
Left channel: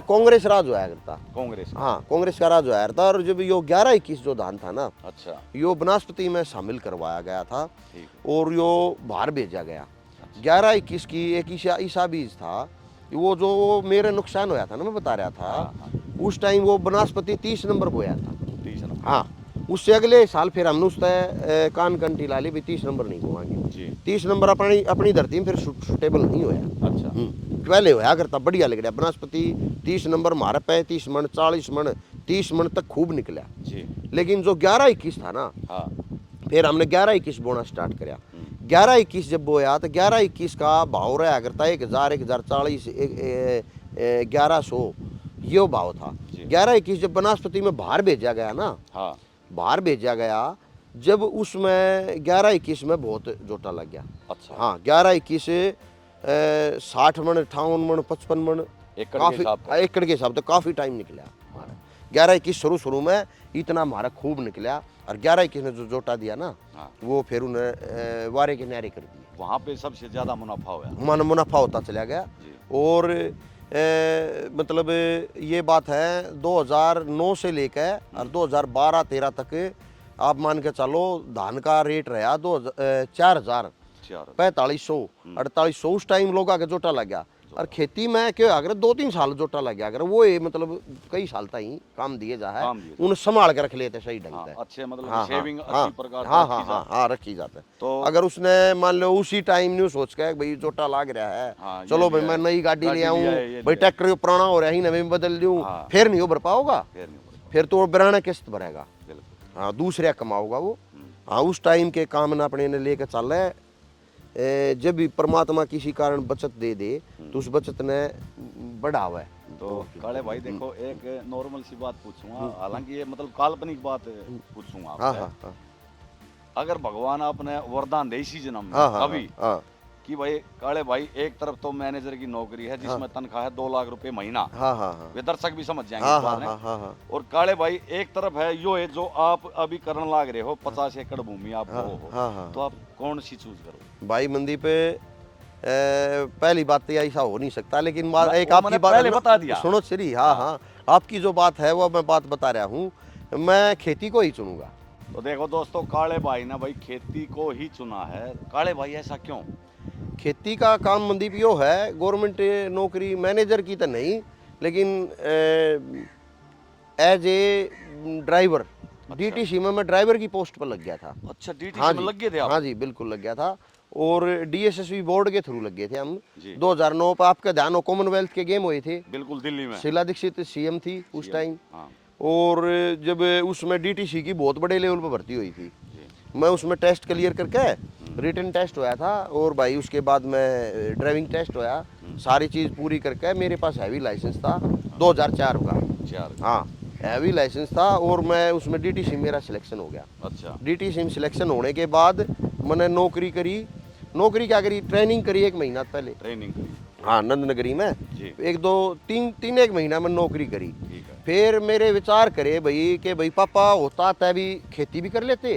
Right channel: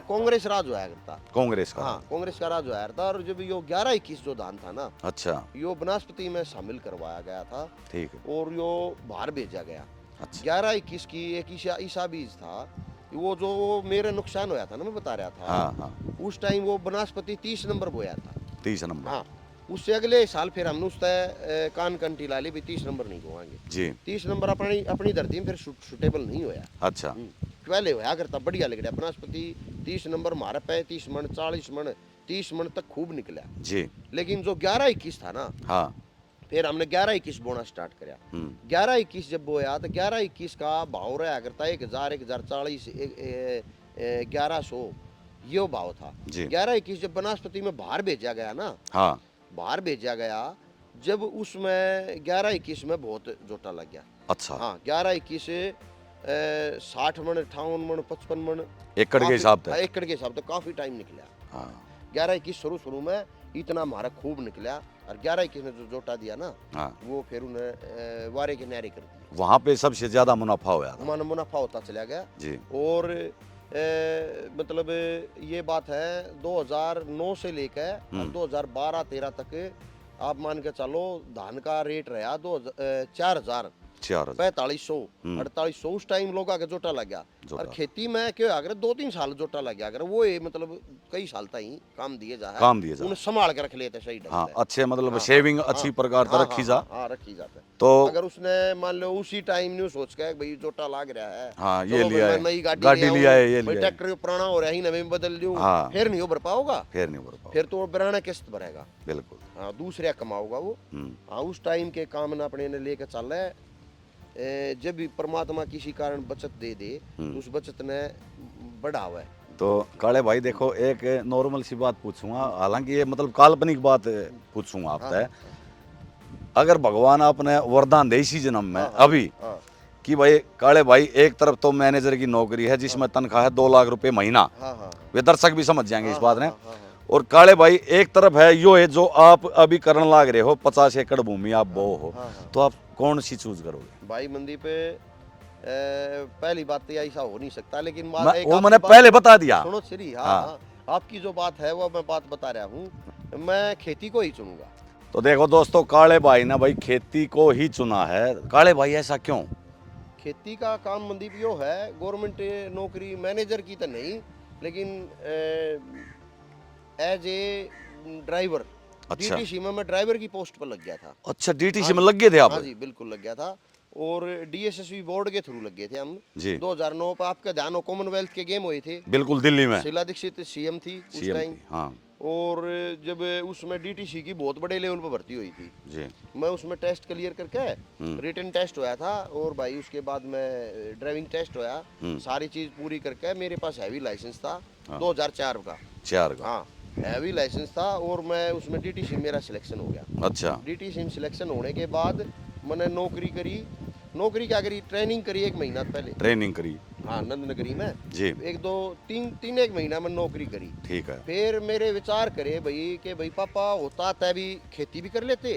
कांग्रेस राज होया करता। कांग्रेस का। हाँ, कांग्रेस का राज होया था। और जब यो 11-21 जो धान था ना, अच्छा। यो वनस्पति में शामिल करवाया गया था ठीक है। और यो बाहर भेजा गया। अच्छा। 11-21 की एक ईसा बीज था, वो जो मेरे नुकसान होया था ना, मैं बता रहा था। हाँ, हाँ। उस टाइम वो वनस्पति 30 नंबर बोया था। 30 नंबर। हाँ, उससे अगले साल फिर हमने उससे कान कंटी ला ली भी 30 नंबर नहीं बोवाएंगे। जी। 30 नंबर अपनी धरती में फिर सुटेबल नहीं होया। अच्छा। पहले होया करता बढ़िया लग रहा वनस्पति 30 नंबर मारे 35 मन 40 मन 30 मन तक खूब निकला। जी। लेकिन जो 11-21 था ना, हाँ। फिर हमने 11-21 बोना स्टार्ट किया। 11-21 जब बोया तो 11-21 का भाव रहा करता है 1040 1100 यो भाव था। जी। 11-21 जब बनास्पति में बाहर भेजा गया ना, हाँ बाहर भेजा गया, जब उसमें 11-21 में बहुत जोटा लग गया। अच्छा। हाँ 11-21 60 मन 58 मन 55 मन एकड़ के हिसाब से। एकड़ के हिसाब से काफी टाइम निकला। हाँ 11-21 शुरू में इतना हमारा खूब निकला, और 11-21 ने जो जोटा दिया ना, हाँ वो फिर उन्हें वारे के न्यारे कर दिया। वहाँ पे सबसे ज्यादा मुनाफा हुआ। मुनाफा होता चला गया। जी। और मतलब ये बात है 2009 से लेकर और 2012-13 तक आप मान के चलो धान का रेट रहा 4,000 4500 4800 उस टाइम लोग आके जोटा लग गया। और खेती में क्या अगर 2-3 साल जोटा लग गया, अगर वो ये मतलब कई साल तक ही काम दिए जा है, उन्हें संभाल के रख लेते सही ढंग से। अच्छे मतलब हाँ, सेविंग हाँ, अच्छी प्रकार से हाँ, रखी जा। हाँ रखी जाता है। तो अगर उसने मान लो उसी टाइम न्यू सोच के भाई जोटा लाग रहा है, हाँ, ये चलो भाई लिया मैं है, नई गाड़ी गाड़ी ले लिया है, ये आऊं, भाई लिया है। ट्रैक्टर पुराना हो रहा है ही नवे में बदल दूं, हाँ। फिर नहीं हो भर पाओगा, फिर नहीं बढ़ फिर तो बिराना किस्त भरेगा। बिल्कुल। हाँ दूसरे कमाओगा वो। हाँ उस टाइम के काम ना अपने ने लेकर चल रहे। जब भी परमात्मा किसी कारण बचत दे दे तो उस बचत ने बढ़ावा है। तो काले भाई देखो एक नॉर्मल सी बात पूछूंगा, हालांकि ये मतलब काल्पनिक बात पूछूंगा हाँ, आपसे। हाँ, हाँ, अगर भगवान आपने वरदान दे इसी जन्म में हाँ, हाँ, अभी हाँ, कि भाई काले भाई एक तरफ तो मैनेजर की नौकरी है जिसमें तनख्वाह है 2 लाख रुपए महीना, हाँ, हाँ, हाँ, वे दर्शक भी समझ जाएंगे इस बात ने। हाँ, हाँ, हाँ, और काले भाई एक तरफ है यो है जो आप अभी करने लाग रहे हो, 50 एकड़ भूमि आप बो हो, हाँ, हाँ। तो आप कौन सी चूज करोगे? भाई मंदी पे पहली बात तो ऐसा हो नहीं सकता, लेकिन वो एक मैंने आपकी बात पहले बता दिया। सुनो श्री। हाँ हाँ आपकी जो बात है वो मैं बात बता रहा हूँ, मैं खेती को ही चुनूंगा। तो देखो दोस्तों काले भाई ने भाई खेती को ही चुना है। काले भाई ऐसा क्यों? खेती का काम मंदीप यो है, गवर्नमेंट नौकरी मैनेजर की तो नहीं, लेकिन एज ए ड्राइवर डीटीसी में मैं ड्राइवर की पोस्ट पर लग गया था। अच्छा डीटीसी हाँ में जी, लग गए थे आप? हाँ जी बिल्कुल लग गया था। और डीएसएसबी बोर्ड के थ्रू लग गए थे हम जी। 2009 पर। आपका ध्यान हो कॉमनवेल्थ के गेम हुए थे, बिल्कुल दिल्ली में शीला दीक्षित सीएम थी उस CM टाइम। हाँ और जब उसमें डीटीसी की बहुत बड़े लेवल पर भर्ती हुई थी, जी। मैं उसमें टेस्ट क्लियर करके रिटन टेस्ट होया था, और भाई उसके बाद में ड्राइविंग टेस्ट होया, सारी चीज़ पूरी करके मेरे पास हैवी लाइसेंस था 2004 का। 4 हाँ हैवी लाइसेंस था, और मैं उसमें डीटीसी मेरा सिलेक्शन हो गया। अच्छा डीटीसी में सिलेक्शन होने के बाद मैंने नौकरी करी। नौकरी क्या करी, ट्रेनिंग करी 1 महीना पहले। ट्रेनिंग करी हाँ नंदनगरी में जी। 1 महीना में नौकरी करी। ठीक है। फिर मेरे विचार करे भाई कि भाई पापा होता तै भी खेती भी कर लेते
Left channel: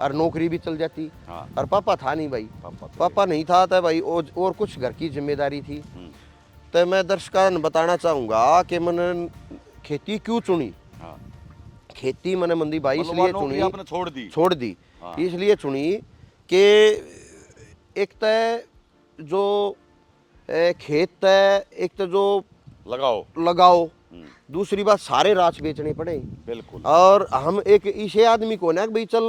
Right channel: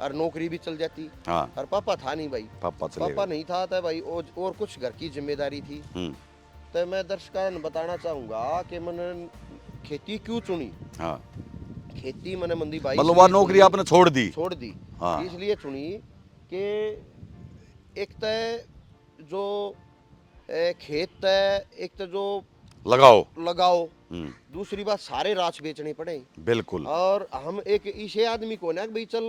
और नौकरी भी चल जाती। हाँ और पापा था नहीं भाई, पापा नहीं था तो भाई और कुछ घर की जिम्मेदारी थी। तो मैं दर्शकों ने बताना चाहूंगा कि मैंने खेती क्यों चुनी। हाँ खेती मैंने मंदी भाई मतलब वह नौकरी आपने छोड़ दी? हाँ। इसलिए चुनी कि एक तो जो खेत है, एक तो जो लगाओ, दूसरी बात सारे राच बेचने पड़े बिल्कुल। और हम एक ऐसे आदमी को ना भाई चल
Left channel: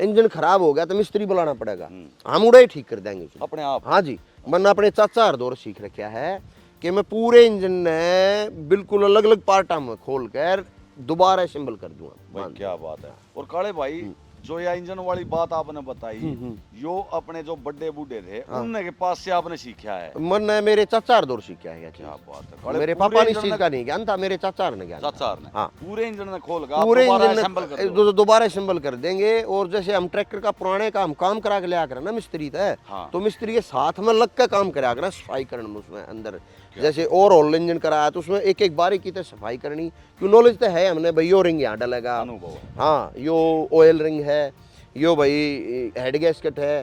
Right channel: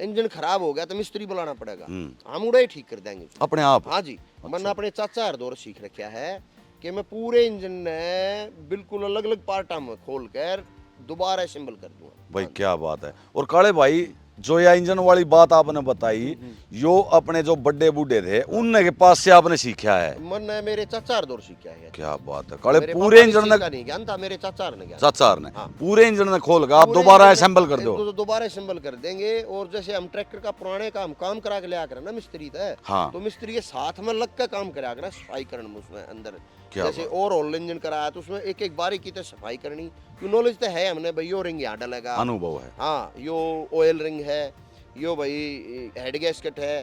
इंजन खराब हो गया तो मिस्त्री बुलाना पड़ेगा, हम उड़े ठीक कर देंगे अपने आप? हाँ जी। मैंने अपने चाचा हरदौर सीख रखा है कि मैं पूरे इंजन ने बिल्कुल अलग अलग पार्टा में खोल कर दोबारा असेंबल कर दूंगा। भाई क्या बात है। और काले भाई जो ये इंजन वाली बात आपने बताई, यो अपने जो बड़े बूढ़े थे उनने के पास से आपने सीखा है? मैंने मेरे चाचा हरदौर सीखा है। क्या बात है काले, मेरे पूरे पापा इंजन ने नहीं ज्ञान था, मेरे चाचा ने ज्ञान। चाचा ने हाँ। पूरे इंजन ने खोल कर आप दोबारा असेंबल कर दो? दोबारा असेंबल कर देंगे। और जैसे हम ट्रैक्टर का पुराने का हम काम करा के ले आकर ना मिस्त्री थे, हाँ। तो मिस्त्री के साथ में लग कर काम करा कर सफाई करना उसमें अंदर। जैसे ओवरऑल इंजन कराया तो उसमें एक एक बारी की तो सफाई करनी, क्यों नॉलेज तो है हमने भाई। यो रिंग यहाँ डलेगा, अनुभव है। हाँ यो ऑयल रिंग है, यो भाई हेड गैस्केट है,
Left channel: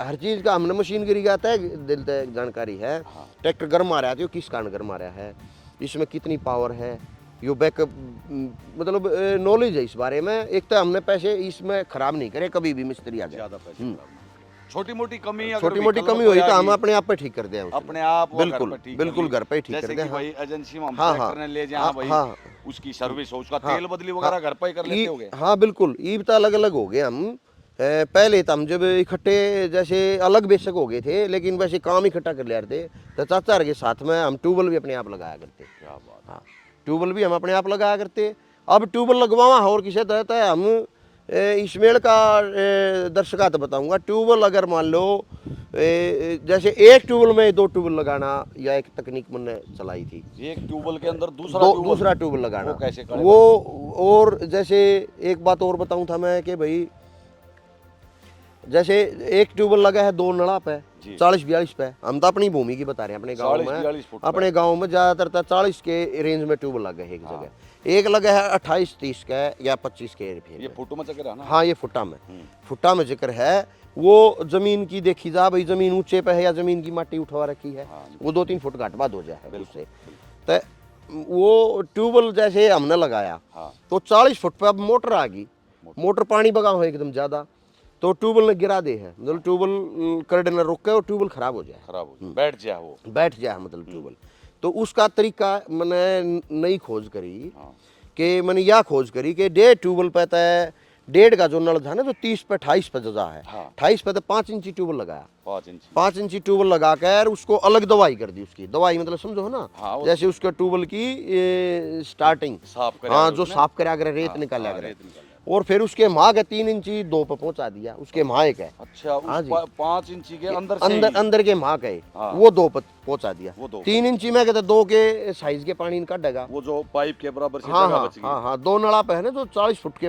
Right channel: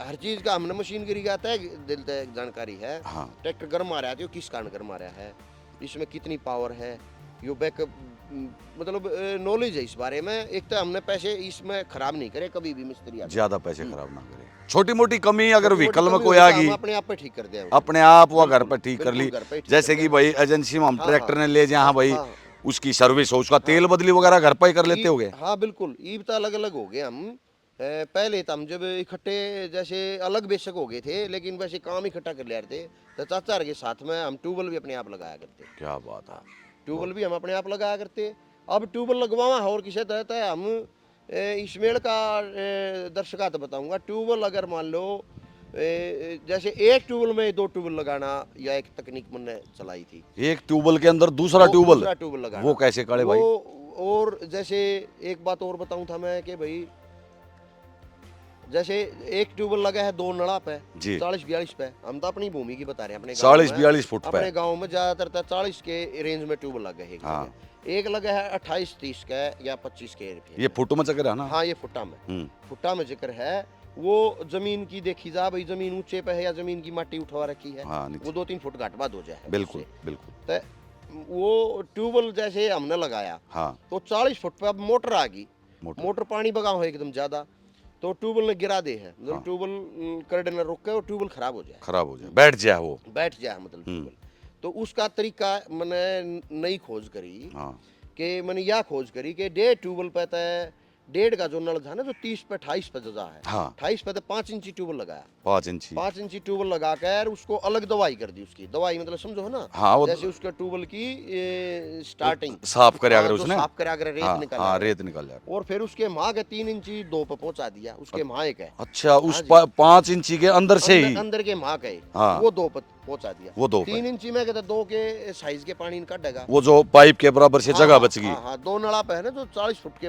हर चीज़ का हमने मशीनरी का दिल तक जानकारी है। हाँ। ट्रैक्टर गर्म आ रहा है तो किस कारण गर्म आ रहा है, इसमें कितनी पावर है, यो बैकअप, मतलब नॉलेज है इस बारे में। एक तो हमने पैसे इसमें खराब नहीं करे कभी भी मिस्त्री आके। ज्यादा पैसे खराब ना करे। छोटी मोटी कमी अगर छोटी-मोटी व्हीकल में कमी कोई हुई तो आ हम गई अपने आप पे ठीक कर दें। अपने आप वो घर बिल्कुल, पर ठीक कर बिल्कुल ली। घर पे ठीक जैसे कर कि दें, भाई एजेंसी में हम हाँ, ट्रैक्टर ने ले जाए, भाई हाँ। उसकी सर्विस हो, उसका तेल बदली वगैरह घर पर ही कर लेते होगे? हाँ बिल्कुल, ईब तो अलग अलग हो गए हम। पहले तो हम जब इकट्ठे जैसे अलग बेशक हो गए थे, लेकिन वैसे काम इकट्ठा कर ले रहे थे, तो चाचा के साथ में हम ट्यूबवेल भी अपने आप लगाया करते। क्या बात है। ट्यूबवेल भी हम अपने आप लगाया करते। अब ट्यूबवेल लगवावा और किसे तहत है, हम इसमें का दर्शका तो बताऊंगा, ट्यूबवेल अगर मान लो जैसे एक ट्यूबवेल में 2 ट्यूबवेल लगाना, या एक तकनीक मैंने चलाई थी। एक ट्यूबवेल के अंदर दूसरा ट्यूबवेल लगाना, वो कैसे काले वो भाई? और जैसे एक बात और बताऊं था मैं कि भाई जैसे एक ट्यूबवेल लगा है 2 नला पे, 40-42 पे, हम तो अपनी भूमि की बता रहे हैं, अपने 40-42 फुट अपने गांव में ज्यादातर 40 के रेंज में ट्यूबवेल लगे है। हाँ। एक लगा है 28-30 का या 25 के। ये फुटों में चक्कर है ना? हाँ, ये फुटा में जिक्र है। वो जमीन की देखी जा भाई, जमीन ऊंचे पे है या जमीन की माटी उठवा रखी है। हाँ, वो 2-3 फुट घाट बाद हो जाए। बिल्कुल बिल्कुल। तो वो ट्यूबवेल जैसे हमने लगाया, हाँ। तो 40 फुट पे अब मोटर आ गई, मोटर पानी बगा हो एकदम ज्यादा, तो ट्यूबवेल ने गिरा दे है, मतलब ट्यूबवेल करंट न रुक के और ट्यूबवेल खराब हो जाए, बैठ जाए, वो बैठ जाए मतलब ट्यूबवेल। तो उसका तरीका मैंने नई खोज करी। हाँ। कि मैंने यह खोज करी कि 1.5 ट्यूबवेल पे है, 1.5 का जो नल था ना, जो 30 पे 28 पे जो है, हाँ। 28 पे तो 5 इंची ट्यूबवेल लगाया, 5 इंची ट्यूबवेल लगा कर उसको अलग दवाई कर दी। उसकी दवाई मतलब समझो ना, हाँ, जैसे उसके ट्यूबवेल की स्टार्टिंग साफ करे, जो साफ करे अगर रेत निकाल रेत निकाल जाए, और फिर उसके माँ के 3 इंची 2 पे पहुंचा दिया, उसके माँ के। अच्छा, उस 5 इंची के अंदर से ही अंदर के माँ के वो 2 पे पहुंचा दिया। वो 3 इंची में कहते 2 के साइज के पानी काटेगा, वो जो पाइप के बराबर से जगह बच गई। हाँ, 2 नला पे है ना, जो 40 फुट के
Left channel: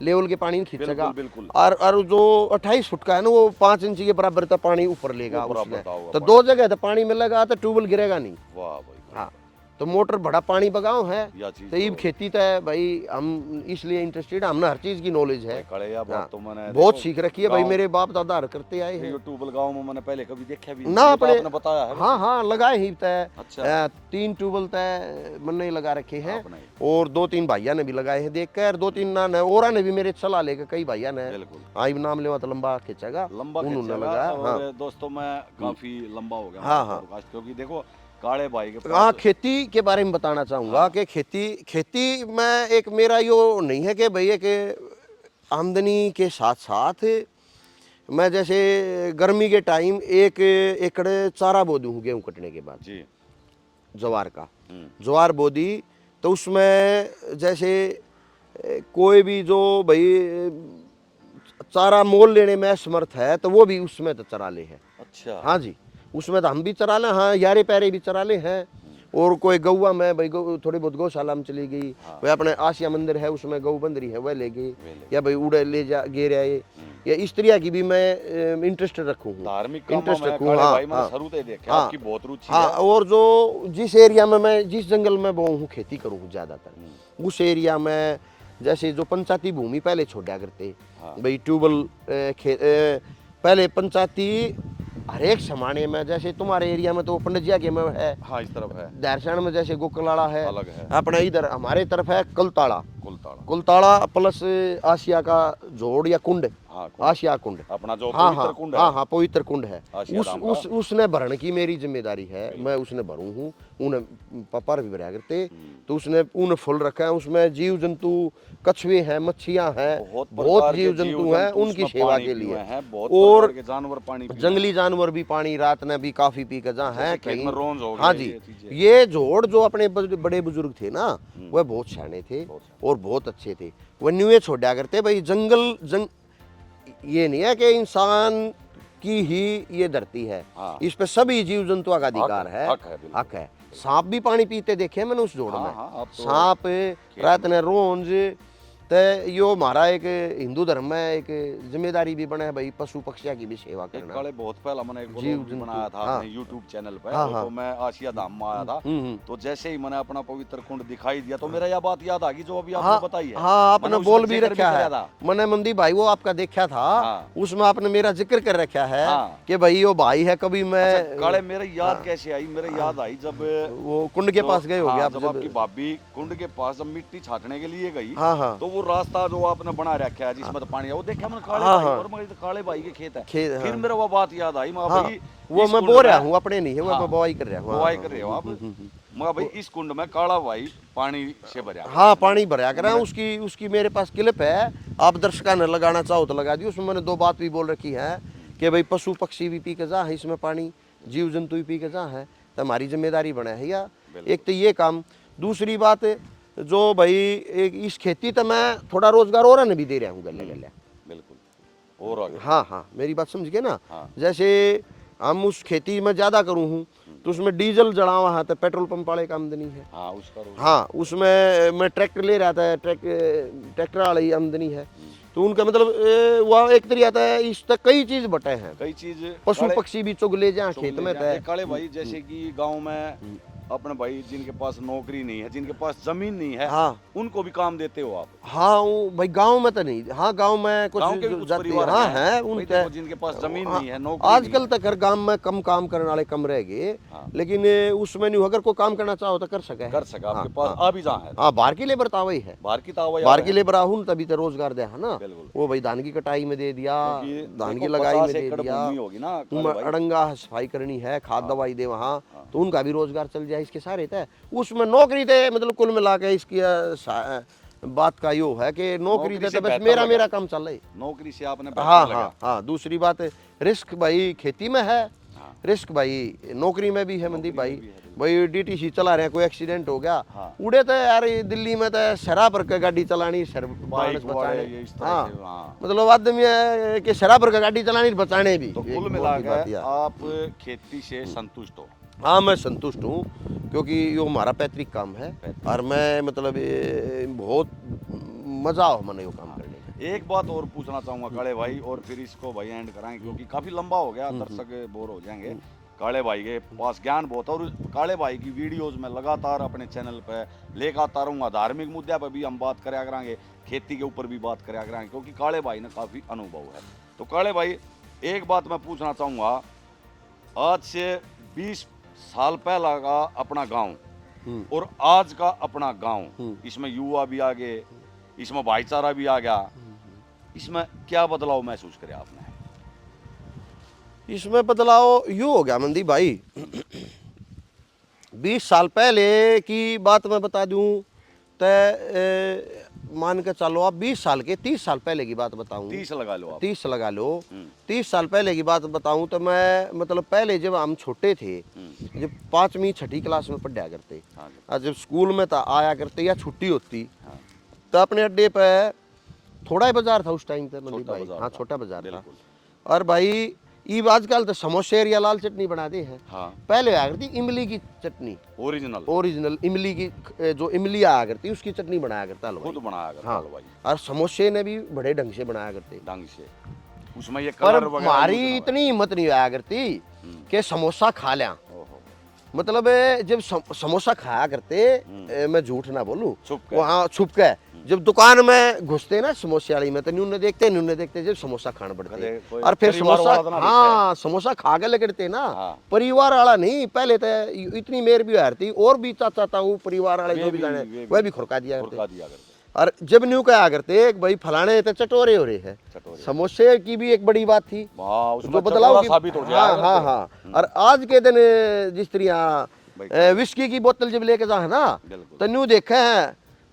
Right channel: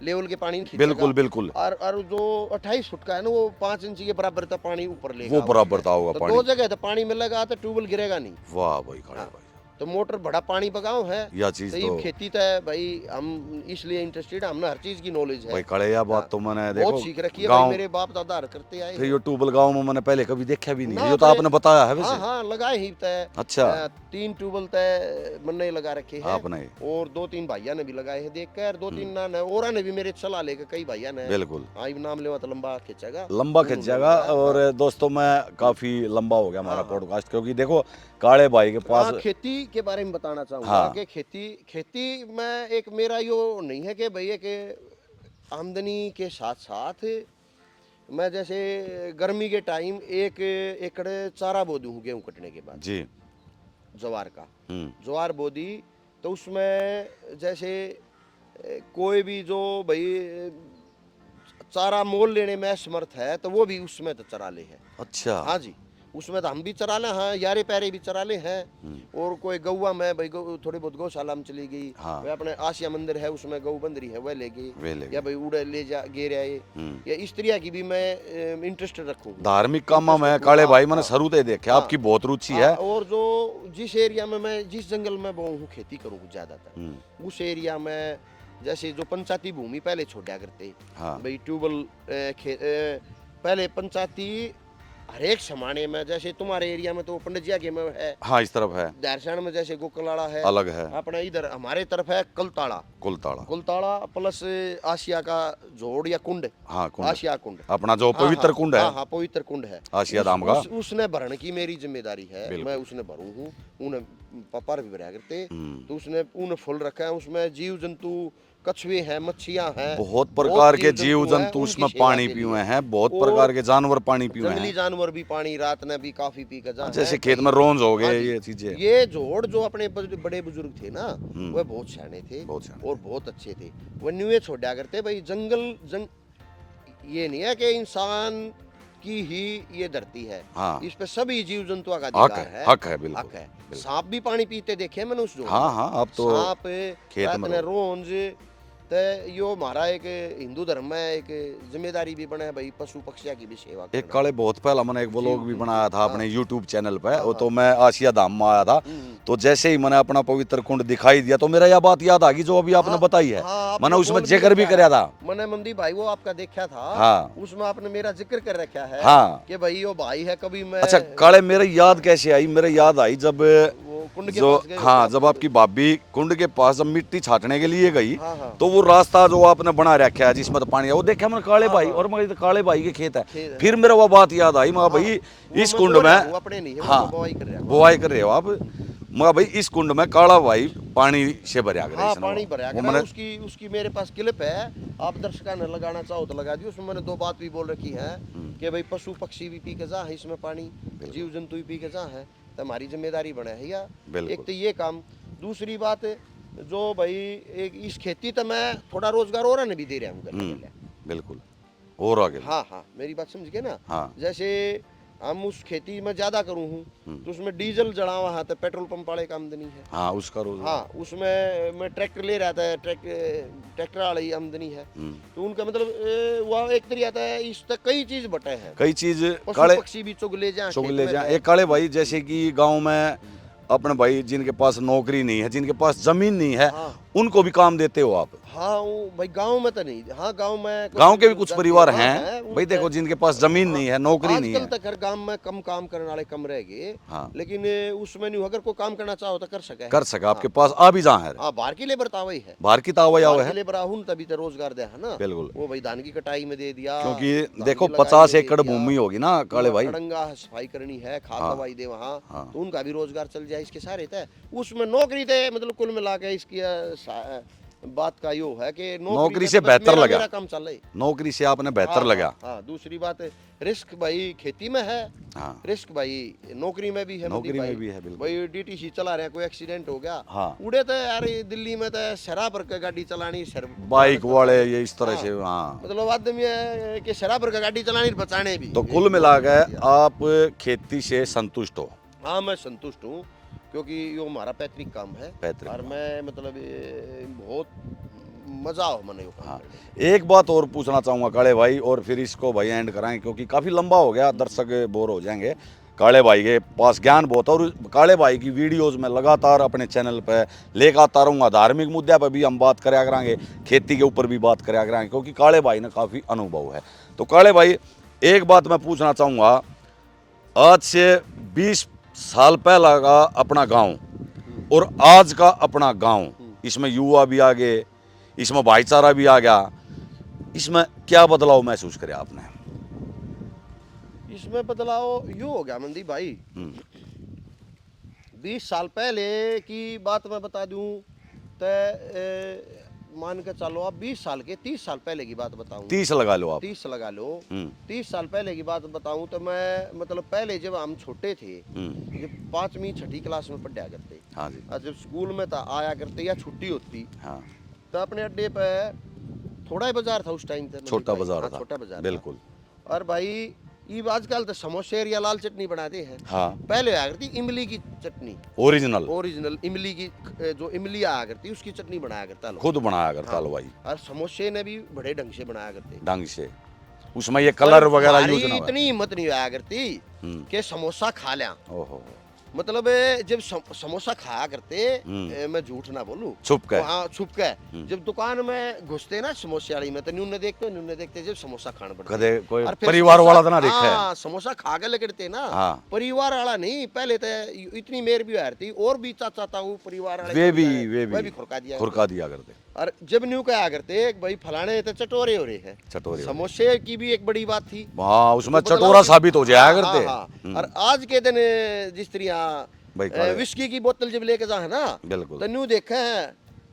लेवल के पानी खींचेगा। बिल्कुल बिल्कुल। और जो 28 फुट का है ना, वो 5 इंची के बराबर तक पानी ऊपर लेगा, वो बराबर था होगा तो पानी। 2 जगह तो पानी मिलेगा, तो ट्यूबवेल गिरेगा नहीं। वाह भाई, भाई। तो मोटर बड़ा पानी बगाओ है यह चीज तो खेती तो है भाई, हम इसलिए इंटरेस्टेड, हमने हर चीज की नॉलेज है भाई। खड़े या बात तो मैंने बहुत सीख रखी है भाई, मेरे बाप दादा करते आए ये ट्यूबवेल गांव में मैंने पहले कभी देखा भी नहीं, ना, ये तो आपने बताया है वैसे। हाँ, लगाए ही तय। अच्छा। 3 ट्यूबवेल तय मैंने लगा रखे हैं आपने, और 2-3 भाइया ने भी लगाए हैं देख कर, 2-3 ने और ने भी मेरे सलाह लेकर, कई भाइया ने। बिल्कुल। आई नाम लेवा तो लंबा खींचेगा, और दोस्तों मैं काफी लंबा हो गया हमारा पॉडकास्ट, क्योंकि देखो काले भाई के पास खेती के बारे में बताना चाहूंगा कि खेती में एक मेरा यो नहीं है कि भैया के आमदनी के साथ साथ मैं जैसे गर्मी के टाइम 1 एकड़ चारा बो दूं गेहूं कटने के बाद जी, ज्वार का, ज्वार बो दी, तो उसमें जैसे कोई भी जो भाई चारा मोल लेने में समर्थ है, तो वो भी उसमें तो चरा ले है। अच्छा। हाँ जी, उसमें तो हम भी चरा ले, हाँ, यारे पैरे भी चरा ले हैं। और कोई गौवा में भाई थोड़ी बहुत गौशाला में चली गई, वह अपने आसिया मंदिर है उसमें गौ बंदरी है वह ले गई, या भाई उड़े ले जा गे रहे, या इस तरह की भी मैं इंटरेस्ट रखूँ धार्मिक काम में। काले भाई मैंने शुरू से देखा आपकी बहुत रुचि है। और जो जिस एरिया में मैं, जिस जंगल में वो हूँ खेती करूँ ज्यादातर, उस एरिया में जैसे जो पंचायती भूमि पहले छोड़ा करते भाई, ट्यूबवेल पहले पंचायती हर एक समाने में, जैसे तुम्हारे एरिया में तो पंडजिया के में है, हाँ, इस तरफ है, दारसाण में जैसे गोकलाड़ा है, अलग है, अपने इधर हमारे तरफ है कुलताड़ा प्लस आसिया का जोड़ या कुंड, हाँ, आसिया कुंड, अपना जो पवित्र कुंड है, हाँ, पवित्र कुंड है आसिया धाम का, उसने भरण की मेरी जिम्मेदारी है, मैं उसने भरू हूँ, उन्हें पापा भी भरा करते, तो उसने उन्हें फुल रखा है, उसमें जीव जंतु कछुए हैं, मच्छियां हैं, बहुत प्रकार के जीव जंतु उसमें पानी पीए हैं, बहुत प्रकार के जानवर पानी पीए हैं, जंगली जानवर भी पानी रात में भी काफी पी कर जा, जैसे खेत में रोंज हो गए, ये चीजें। ये जोड़ जो अपने बड़े बुजुर्ग थे ना, वह बहुत सियाने थे और बहुत अच्छे थे, वह न्यूए छोड़ा करते भाई। ये नहीं है कि इंसान की ही ये धरती है, इस पे सभी जीव जंतुओं का अधिकार है, हक है। सांप भी पानी पीते देखे मैंने उस जोड़ में, अब तो सांप रात में रोंज, तो यो हमारा एक हिंदू धर्म में एक जिम्मेदारी भी बना है भाई, पशु पक्षियों की भी सेवा करना। एक काले बहुत पहला मैंने एक व्लॉग भी बनाया था अपने YouTube चैनल पे, वो तो मैं आसिया धाम में आया था, तो जैसे ही मैंने अपना पवित्र कुंड दिखाई दिया तो मेरा यह बात याद आ गई जो अभी आपने बताई है। मैंने उसमें जिक्र भी कराया था, मैंने मंदी भाई वो आपका देखा था, उसमें आपने मेरा जिक्र कर रखा है कि भाई वो भाई है कभी मैं। अच्छा काले, मेरे याद कैसे आई? मेरे याद आई जब वो कुंड के पास गए, हाँ, जब आपकी भाभी कुंड के पास जब मिट्टी छाटने के लिए गई, तो वो रास्ता जो आपने बना रखा है जिसमें तो पानी है, वो देखा मैंने काले भाई, और मैं काले भाई के खेत है, फिर मेरा वो बात याद आई, मैं भाई इस कुंड में अपने नहीं है, वो बुआई कर रहे हो, बुआई कर रहे हो आप, मैं भाई इस कुंड में काला भाई पानी से भरा, हाँ, पानी भरा कर उसकी मेरे पास क्लिप है, आप दर्शकों ने लगाना चाहो तो लगा दी। उसमें मैंने 2 बात भी बोल रखी है कि भाई पशु पक्षी भी पी के जा है इसमें पानी, जीव जंतु भी पी के जा है, तो हमारी जिम्मेदारी बना है या एक तो ये काम। दूसरी बात जो भाई एक इस खेती तो मैं थोड़ा रोजगार और ने भी दे रहा हूँ गले। बिल्कुल और आगे। हाँ हाँ, मेरी बात समझ गए ना। हाँ। जैसे हम उस खेती में ज्यादा करूँ हूँ तो उसमें डीजल जड़ावा है तो पेट्रोल पंप वाले का आमदनी है। हाँ उसका रोज। हाँ, उसमें मैं ट्रैक्टर ले रहा था, ट्रैक्टर वाली आमदनी है। तो उनका मतलब वह एक तरीका आता है, इस तक कई चीज बटे हैं, कई चीज पशु पक्षी भी चुग ले जाए, चुग ले जाए। एक काले भाई जैसे कि गांव में अपने भाई जिनके पास नौकरी नहीं है, जिनके पास जमीन नहीं है, हाँ उनको भी काम देते हो आप? हाँ भाई गांव में तो नहीं, हाँ गांव में गांव के भी कुछ परिवार हाँ, हैं भाई, देखो जिनके पास जमीन नहीं है, नौकरी नहीं आजकल है। तक हर गांव में कम काम करने वाले कम रह गए। हाँ। लेकिन उसमें नहीं, अगर कोई काम करना चाहो तो कर सके, कर सका आपके पास आ भी जहाँ है। हाँ, बाहर की लेबर तो वही है, बाहर की तावा बाहर की लेबर आहून तभी तो रोजगार दे है ना। बिल्कुल। वो भाई धान की कटाई में दे दिया, क्योंकि धान देखो की लगाई 50 में दे एकड़ दिया, भूमि होगी ना काले भाई, अड़ंगा सफाई करनी है, खाद दवाई दे वहाँ, तो उनका भी रोजगार चल जाए। इसके सारे थे उसमें नौकरी थे, मतलब कुल मिला के इसकी बात का यो है कि नौकरी पे से तो बस बेहतर लगा, मेरा काम चल रहा है। नौकरी से आपने बेहतर लगा। हाँ, दूसरी बात रिस्क भाई खेती में है, हाँ। रिस्क भाई नौकरी में भी है। मंदी भाई भी है, बिल्कुल। भाई डीटीसी चला रहे हैं, कोई एक्सीडेंट हो गया, हाँ। उड़े तो यार दिल्ली में तो शराब पर का गाड़ी चलानी, बाइक वाले ये इस तरह से। हाँ मतलब आदमी है कि शराब पर का गाड़ी चलानी बचाने भी। तो कुल मिला के आप खेती से संतुष्ट हो? हाँ, मैं संतुष्ट हूँ, क्योंकि ये हमारा पैतृक काम है और मैं मतलब ये बहुत मजा हो मने का। हाँ। एक बात और पूछना चाहूँगा काले भाई, और फिर इसको भाई एंड कराएं क्योंकि काफ़ी लंबा हो गया, दर्शक बोर हो जाएंगे। काले भाई के पास ज्ञान बहुत है और काले भाई की वीडियोस में लगातार अपने चैनल पे लेकर आता रहूँगा। धार्मिक मुद्दे पर भी हम बात कराया कराएंगे, खेती के ऊपर भी बात कराया कराएंगे, क्योंकि काले भाई ने काफ़ी अनुभव है। तो काले भाई एक बात मैं पूछना चाहूँगा, आज से 20 साल पहला का अपना गाँव और आज का अपना गाँव, इसमें युवा भी आ गए, इसमें भाईचारा भी आ गया, इसमें क्या बदलाव महसूस करे आपने? इसमें बदलाव यूँ हो गया मनदीप भाई, 20 साल पहले की बात मैं बता दूं तो मान के चलो आप 20 साल के 30 साल पहले की बात बताऊं, 30 लगा लो आप। 30 लगा लो, 30 साल पहले की बात बताऊं तो मैं मतलब पहले जब हम छोटे थे, जब 5वीं 6ठी क्लास में पढ़ा करते, हाँ जी। और जब स्कूल में था आया करते या छुट्टी होती, हाँ। तो अपने अड्डे पे थोड़ा ही बाजार था उस टाइम पे, छोटा बाजार हाँ, था। छोटा बाजार बिल्कुल। था। और भाई ये आजकल तो समोसे या लाल चटनी बनाते हैं, हाँ। पहले आ करती इमली की चटनी, ओरिजिनल इमली की, जो इमली आया करती उसकी चटनी बनाया करता लोग, खुद बनाया करता हाँ। लो भाई, और समोसे ने भी बड़े ढंग से बनाया करते, ढंग से, उसमें ये कलर वगैरह हमारी यूज ना हो। इतनी हिम्मत नहीं आया करती कि समोसा खा लिया। ओहो। मतलब जब समोसा खाया करते, मैं झूठ ना बोलूं, छुप के। हाँ छुप के, जब दुकान में घुसते ना समोसे वाली में, तो न्यूने देखते जब समोसा खाना पड़ता, कदे कोई और फिर परिवार वाला तो ना देखा है। हाँ, समोसा खा के लगते ना, हाँ। परिवार वाला नहीं, पहले तो इतनी मेर भी आ रही, और भी चाचा ताऊ परिवार वाले वे भी खुरका दिया करते। और जब न्यू कहा करते भाई फलाने तो चटोरे हो रहे हैं, चटोरे समोसे की भी एक बड़ी बात थी। हाँ, उसमें तो बदलाव चटोरा की- साबित हो जाया हाँ, करते। हाँ। और आज के दिन जिस भाई तरह विस्की की बोतल जब लेके जा है ना, बिल्कुल। तो न्यू देखे हैं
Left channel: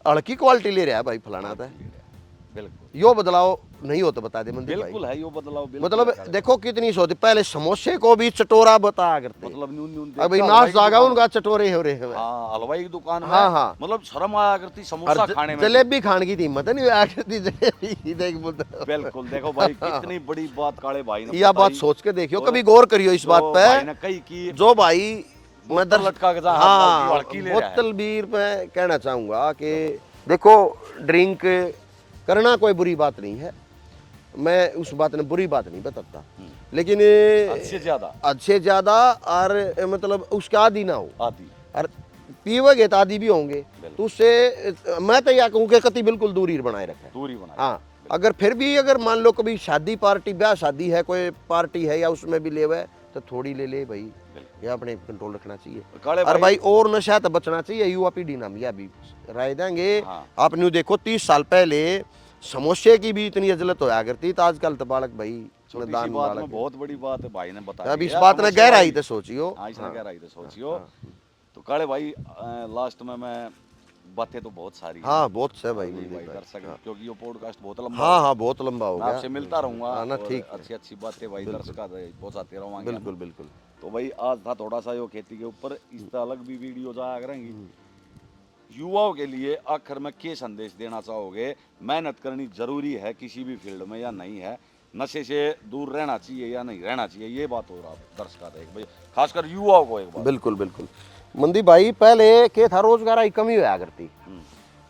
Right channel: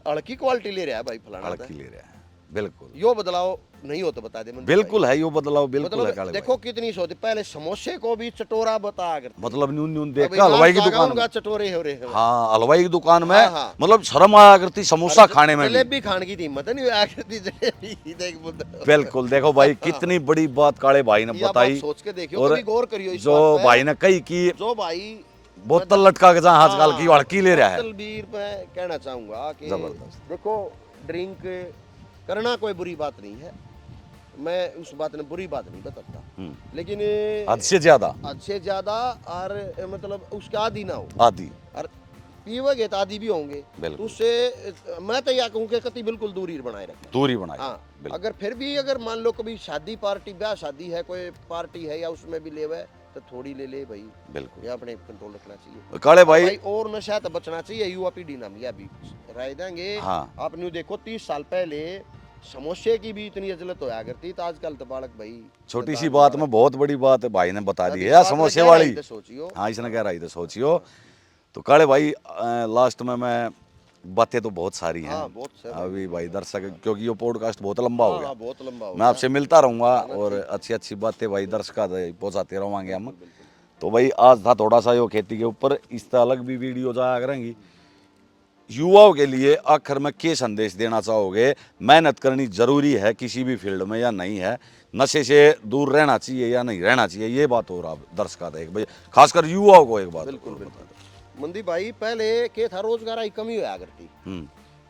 हल्की क्वालिटी ले रहा है भाई फलाना, ले रहे हैं। बिल्कुल यो बदलाव नहीं हो तो बता दे मुझे बिल्कुल है यो बदलाव, बिल्कुल है मतलब काले देखो कितनी सोच, पहले समोसे को भी चटोरा बताया करते, भाई। मतलब न्यून न्यून अभी देखा हलवाई की जागा दुकान उनका में। चटोरे हो रहे हैं। हाँ, हलवाई की दुकान में हाँ, हाँ। मतलब शर्म आया करती समोसा खाने में भी। जलेबी खाने की हिम्मत नहीं आया करती, जलेबी देख बिल्कुल। देखो भाई कितनी बड़ी बात काले भाई ने यह बात बताई, सोच के देखियो, और कभी गौर करियो इस जो बात पे। भाई ने कही कि जो भाई बोतल लटका के जहाँ आजकल की हड़की ले रहा है। बोतल बीर मैं कहना चाहूंगा कि देखो ड्रिंक करना कोई बुरी बात नहीं है, मैं उस बात ने बुरी बात नहीं बताता, लेकिन हद से ज्यादा और मतलब उसका आदि ना हो, आदि और पीवेगे तो आदि भी होंगे, बिल्कुल। तो उससे मैं तो यह कहूँ कि कति बिल्कुल दूरी बनाए रखें, दूरी बनाई। हाँ। अगर फिर भी अगर मान लो कभी शादी पार्टी ब्याह शादी है, कोई पार्टी है या उसमें भी ले हुआ है, तो थोड़ी ले ले भाई, बिल्कुल। ये अपने कंट्रोल रखना चाहिए काले और भाई, भाई और नशा तो बचना चाहिए। युवा पीढ़ी नाम यह भी राय देंगे। हाँ। आप न्यू देखो 30 साल पहले समोसे की भी इतनी अजलत होया करती, तो आजकल तो बालक भाई छोटी सी बात में बहुत बड़ी बात है भाई ने बता अब दी इस है। बात में समोसे गहराई वाली। तो सोचियो। हाँ, इसने गहराई तो सोचियो। तो काले भाई लास्ट में मैं बातें तो बहुत सारी हैं। हाँ, बहुत से भाई। अभी भाई दर्शक, क्योंकि ये पॉडकास्ट बहुत लंबा हाँ हो हाँ, बहुत लंबा हो मैं आपसे मिलता रहूंगा ना, और ठीक। अच्छी अच्छी बातें भाई दर्शक पहुंचाते रहेंगे हम। बिल्कुल बिल्कुल। तो भाई आज था थोड़ा सा यो खेती के ऊपर, इस तरह अलग भी वीडियो जाया करेंगी। युवाओं के लिए आखिर में क्या संदेश देना चाहोगे? मेहनत करनी जरूरी है किसी भी फील्ड में या नहीं है? नशे से दूर रहना चाहिए या नहीं रहना चाहिए? ये बात हो रहा दर्शकों का एक भाई, खासकर युवाओं को एक बात। बिल्कुल बिल्कुल मनदीप भाई, पहले क्या था, रोजगार की कमी होया करती।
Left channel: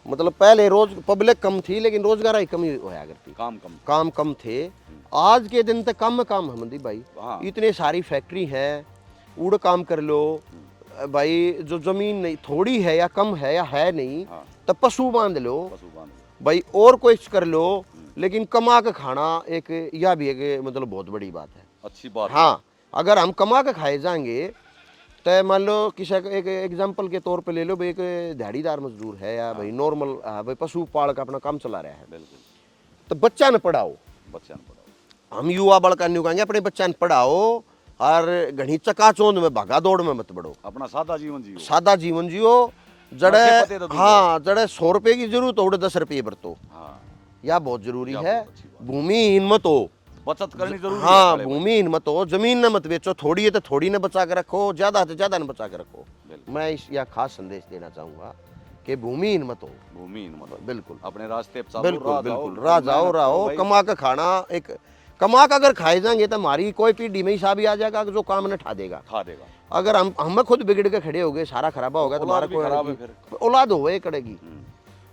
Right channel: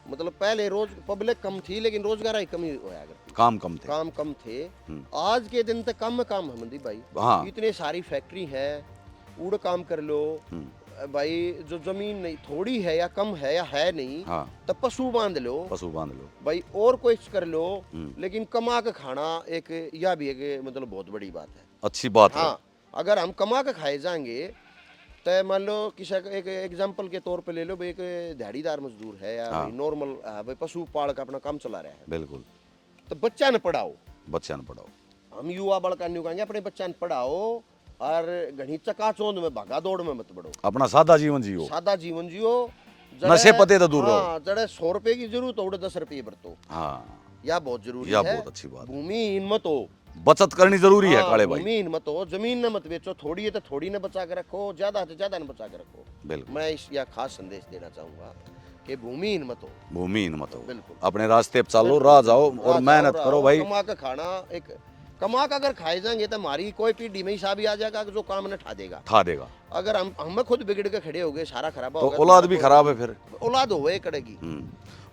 मतलब पहले रोज पब्लिक कम थी लेकिन रोजगार की कमी होया करती, काम कम थे। काम कम थे। आज के दिन तक कम काम है मनदीप भाई। हाँ। इतने सारी फैक्ट्री है, उड़ काम कर लो भाई, जो जमीन नहीं थोड़ी है या कम है या है नहीं, हाँ। तब पशु बांध लो, पशु बांध लो भाई और कोई कर लो, लेकिन कमा के खाना एक यह भी एक मतलब बहुत बड़ी बात है। अच्छी बात है। हाँ, अगर हम कमा के खाए जाएंगे तो मान लो किसी एक एग्जांपल के तौर पे ले लो भाई, एक दिहाड़ीदार मजदूर है या भाई नॉर्मल भाई पशु पाल का अपना काम चला रहा है, बिल्कुल। तो बच्चा न पढ़ाओ, बच्चा न पढ़ाओ। हम युवा बड़का नहीं कहेंगे, अपने बच्चा न पढ़ाओ और घनी चकाचौंध में भागा दौड़ में मत बढ़ो, अपना सादा जीवन जियो। सादा जीवन जियो। नशे पते तो दूर रहो। हाँ, जड़े 100 रुपए की जरूरत हो 10 रुपये बरतो, हाँ, यह बहुत जरूरी यह है। बहुत अच्छी बात है। भूमिहीन मत हो, बचत करनी जरूरी है काले भाई। भूमिहीन मत हो, जमीन न मत बेचो, थोड़ी है तो थोड़ी न बचा के रखो, ज्यादा है तो ज्यादा न बचा के रखो। बिल्कुल। मैं इस यह खास संदेश देना चाहूंगा कि भूमिहीन मत हो। भूमिहीन मत हो, बिल्कुल। अपने रास्ते पे चलो, बिल्कुल, राह जाओ बिल्कुल, और राह मेहनत जाओ, करो भाई। कमा के खाना एक कमा के अगर खाए जाएंगे तो हमारी कोई पीढ़ी में हिसाब ही आ जाएगा कि जो काम न ठा देगा। खा देगा। अगर हम खुद बिगड़ के खड़े हो गए, सारा खराबा तो होगा, औलाद भी खराब है फिर। औलाद हो ये करेगी।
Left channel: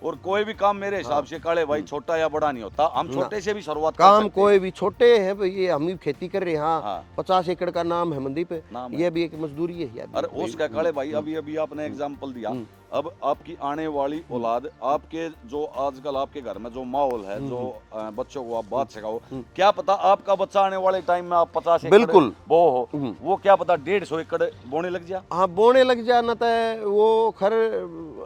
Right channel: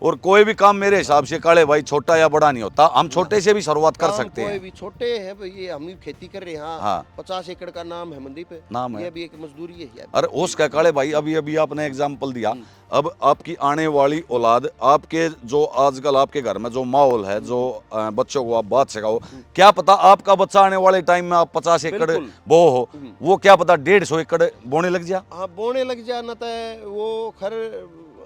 और कोई भी काम मेरे हिसाब से काले भाई छोटा या बड़ा नहीं होता, हम छोटे से भी शुरुआत कर काम सकते कोई हैं। भी छोटे हैं भाई, ये हम भी खेती कर रहे हैं। हाँ, हाँ। 50 एकड़ का नाम है मनदीप, नाम है। ये भी एक मजदूरी है यार। अरे उसका काले भाई, अभी अभी आपने एग्जाम्पल दिया, अब आपकी आने वाली औलाद, आपके जो आजकल आपके घर में जो माहौल है, जो बच्चों को आप बात सिखाओ, क्या पता आपका बच्चा आने वाले टाइम में आप 50 एकड़ बिल्कुल। बो हो, वो क्या पता 150 एकड़ बोने लग जा। हाँ, बोने लग जाना तो वो खर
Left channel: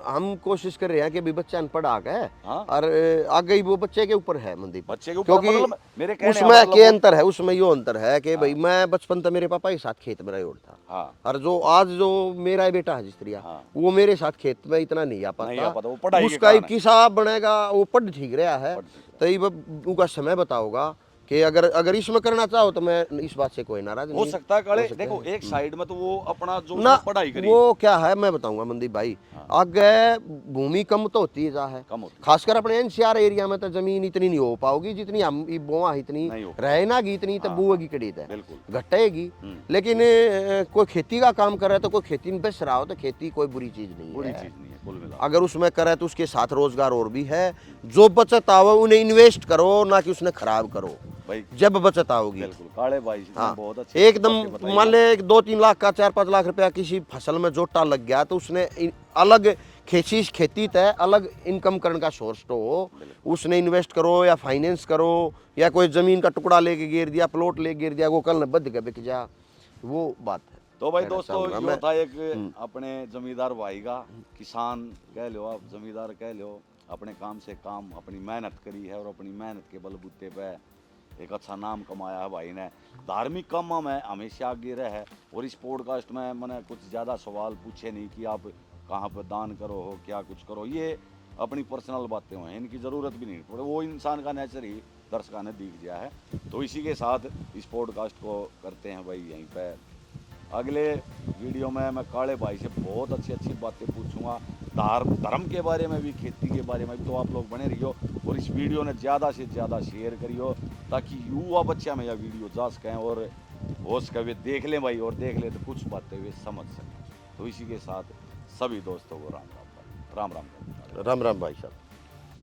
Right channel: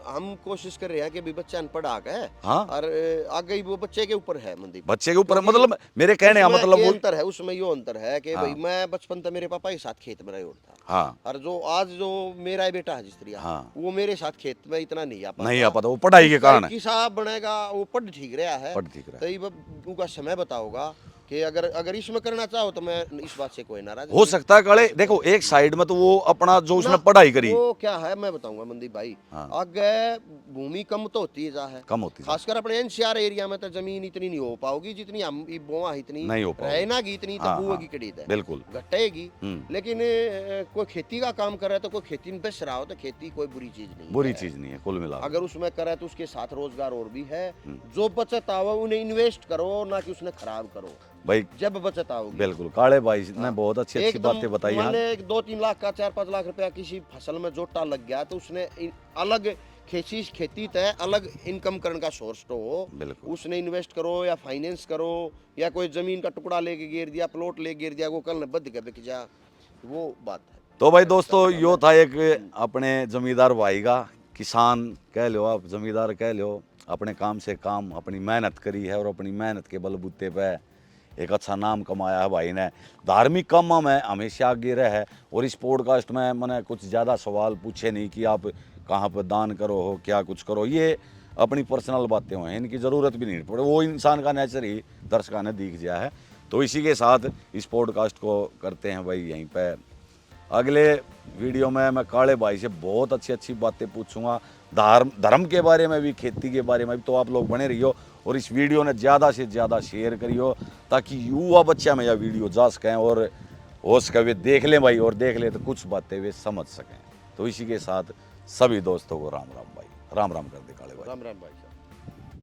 हम कोशिश कर रहे हैं कि भी बच्चा अनपढ़ आ गए। हाँ। और आगे ही वो बच्चे के ऊपर है मनदीप, बच्चे के ऊपर क्योंकि मतलब मेरे कहने का उसमें मतलब के वो- अंतर है, उसमें यो अंतर है कि भाई मैं बचपन तक मेरे पापा के साथ खेत में रहा था। हाँ। और जो आज जो मेरा बेटा है जिस तरह, हाँ। वो मेरे साथ खेत में इतना नहीं आ पाता। नहीं आ पाता, वो पढ़ाई के उसका कारण है। किसा बनेगा, वो पढ़ ठीक रहा है, पढ़ ठीक रहा तो ये उनका समय बताओगा कि अगर इसमें करना चाहो तो मैं इस बात से कोई नाराज हो सकता है काले। देखो एक साइड में तो वो अपना जो उसने पढ़ाई करी, वो क्या है मैं बताऊंगा मनदीप भाई। हाँ। आगे भूमि कम तो होती जा है, कम होती है। खासकर अपने एनसीआर एरिया में तो जमीन इतनी नहीं हो पाओगी जितनी हम बोआ इतनी नहीं हो पाएगी। रहना की इतनी तो हाँ, बुएगी कड़ी है, बिल्कुल। घटेगी। लेकिन कोई खेती का काम करे तो कोई खेती में बेच रहा हो तो खेती कोई बुरी चीज नहीं बुरी है। चीज नहीं है कुल मिला। अगर उसमें करे तो उसके साथ रोजगार और भी है। जो बचत आओ उन्हें इन्वेस्ट करो, ना कि उसने खराब करो। भाई जब बचत आओगी, बिल्कुल काले भाई ने हाँ, बहुत अच्छी एकदम बातें बताई। मान ले 2-3 लाख का 4-5 लाख रुपया किसी फसल में जोटा लग गया तो उसने अलग खेती तय अलग इनकम करने का सोर्स तो हो, बिल्कुल। उसने इन्वेस्ट करो या फाइनेंस करो या कोई जमीन का टुकड़ा लेके गिर दिया, प्लॉट लेके गिर दिया, वो कल न बद के बिक जा, वो बात है। तो भाई दोस्तों यो था एक अपने जमींदार भाई का, किसान कह लो आप, जमींदार कह लो, अपने काम से काम अपनी मेहनत करी है और अपनी मेहनत के बलबूते पे एक अच्छा नाम कमाया है भाई ने। धार्मिक कामों में हमेशा आगे रहे है। और इस पॉडकास्ट में मैंने कुछ ज़्यादा सवाल पूछे नहीं कि आप कहाँ पर दान करो हो, क्या कुछ करो, ये अपनी पर्सनल बातें हैं, इनकी ज़रूरत भी नहीं पड़े, वो इंसान का नेचर ही दर्शकों ने दिख गया है। तो इसी के साथ इस पॉडकास्ट को करते हैं भाई यहीं पे। अगले वीडियो में मैं काले भाई से बहुत अच्छी अच्छी बातें पूछूंगा, धर्म के बारे में भी, खेती के बारे में भी। तो आप लोग बने रहियो और इस वीडियो ने ज़्यादा से ज़्यादा शेयर करियो ताकि युवा बच्चा में यह वीडियो जा सकें और हो सके वे देख लें भाई, और देख ले तो कुछ बातें वे समझ सकें। तो इसी के साथ सभी दोस्तों को राम राम भाई, राम राम कर दे काले भाई। राम राम भाई साहब।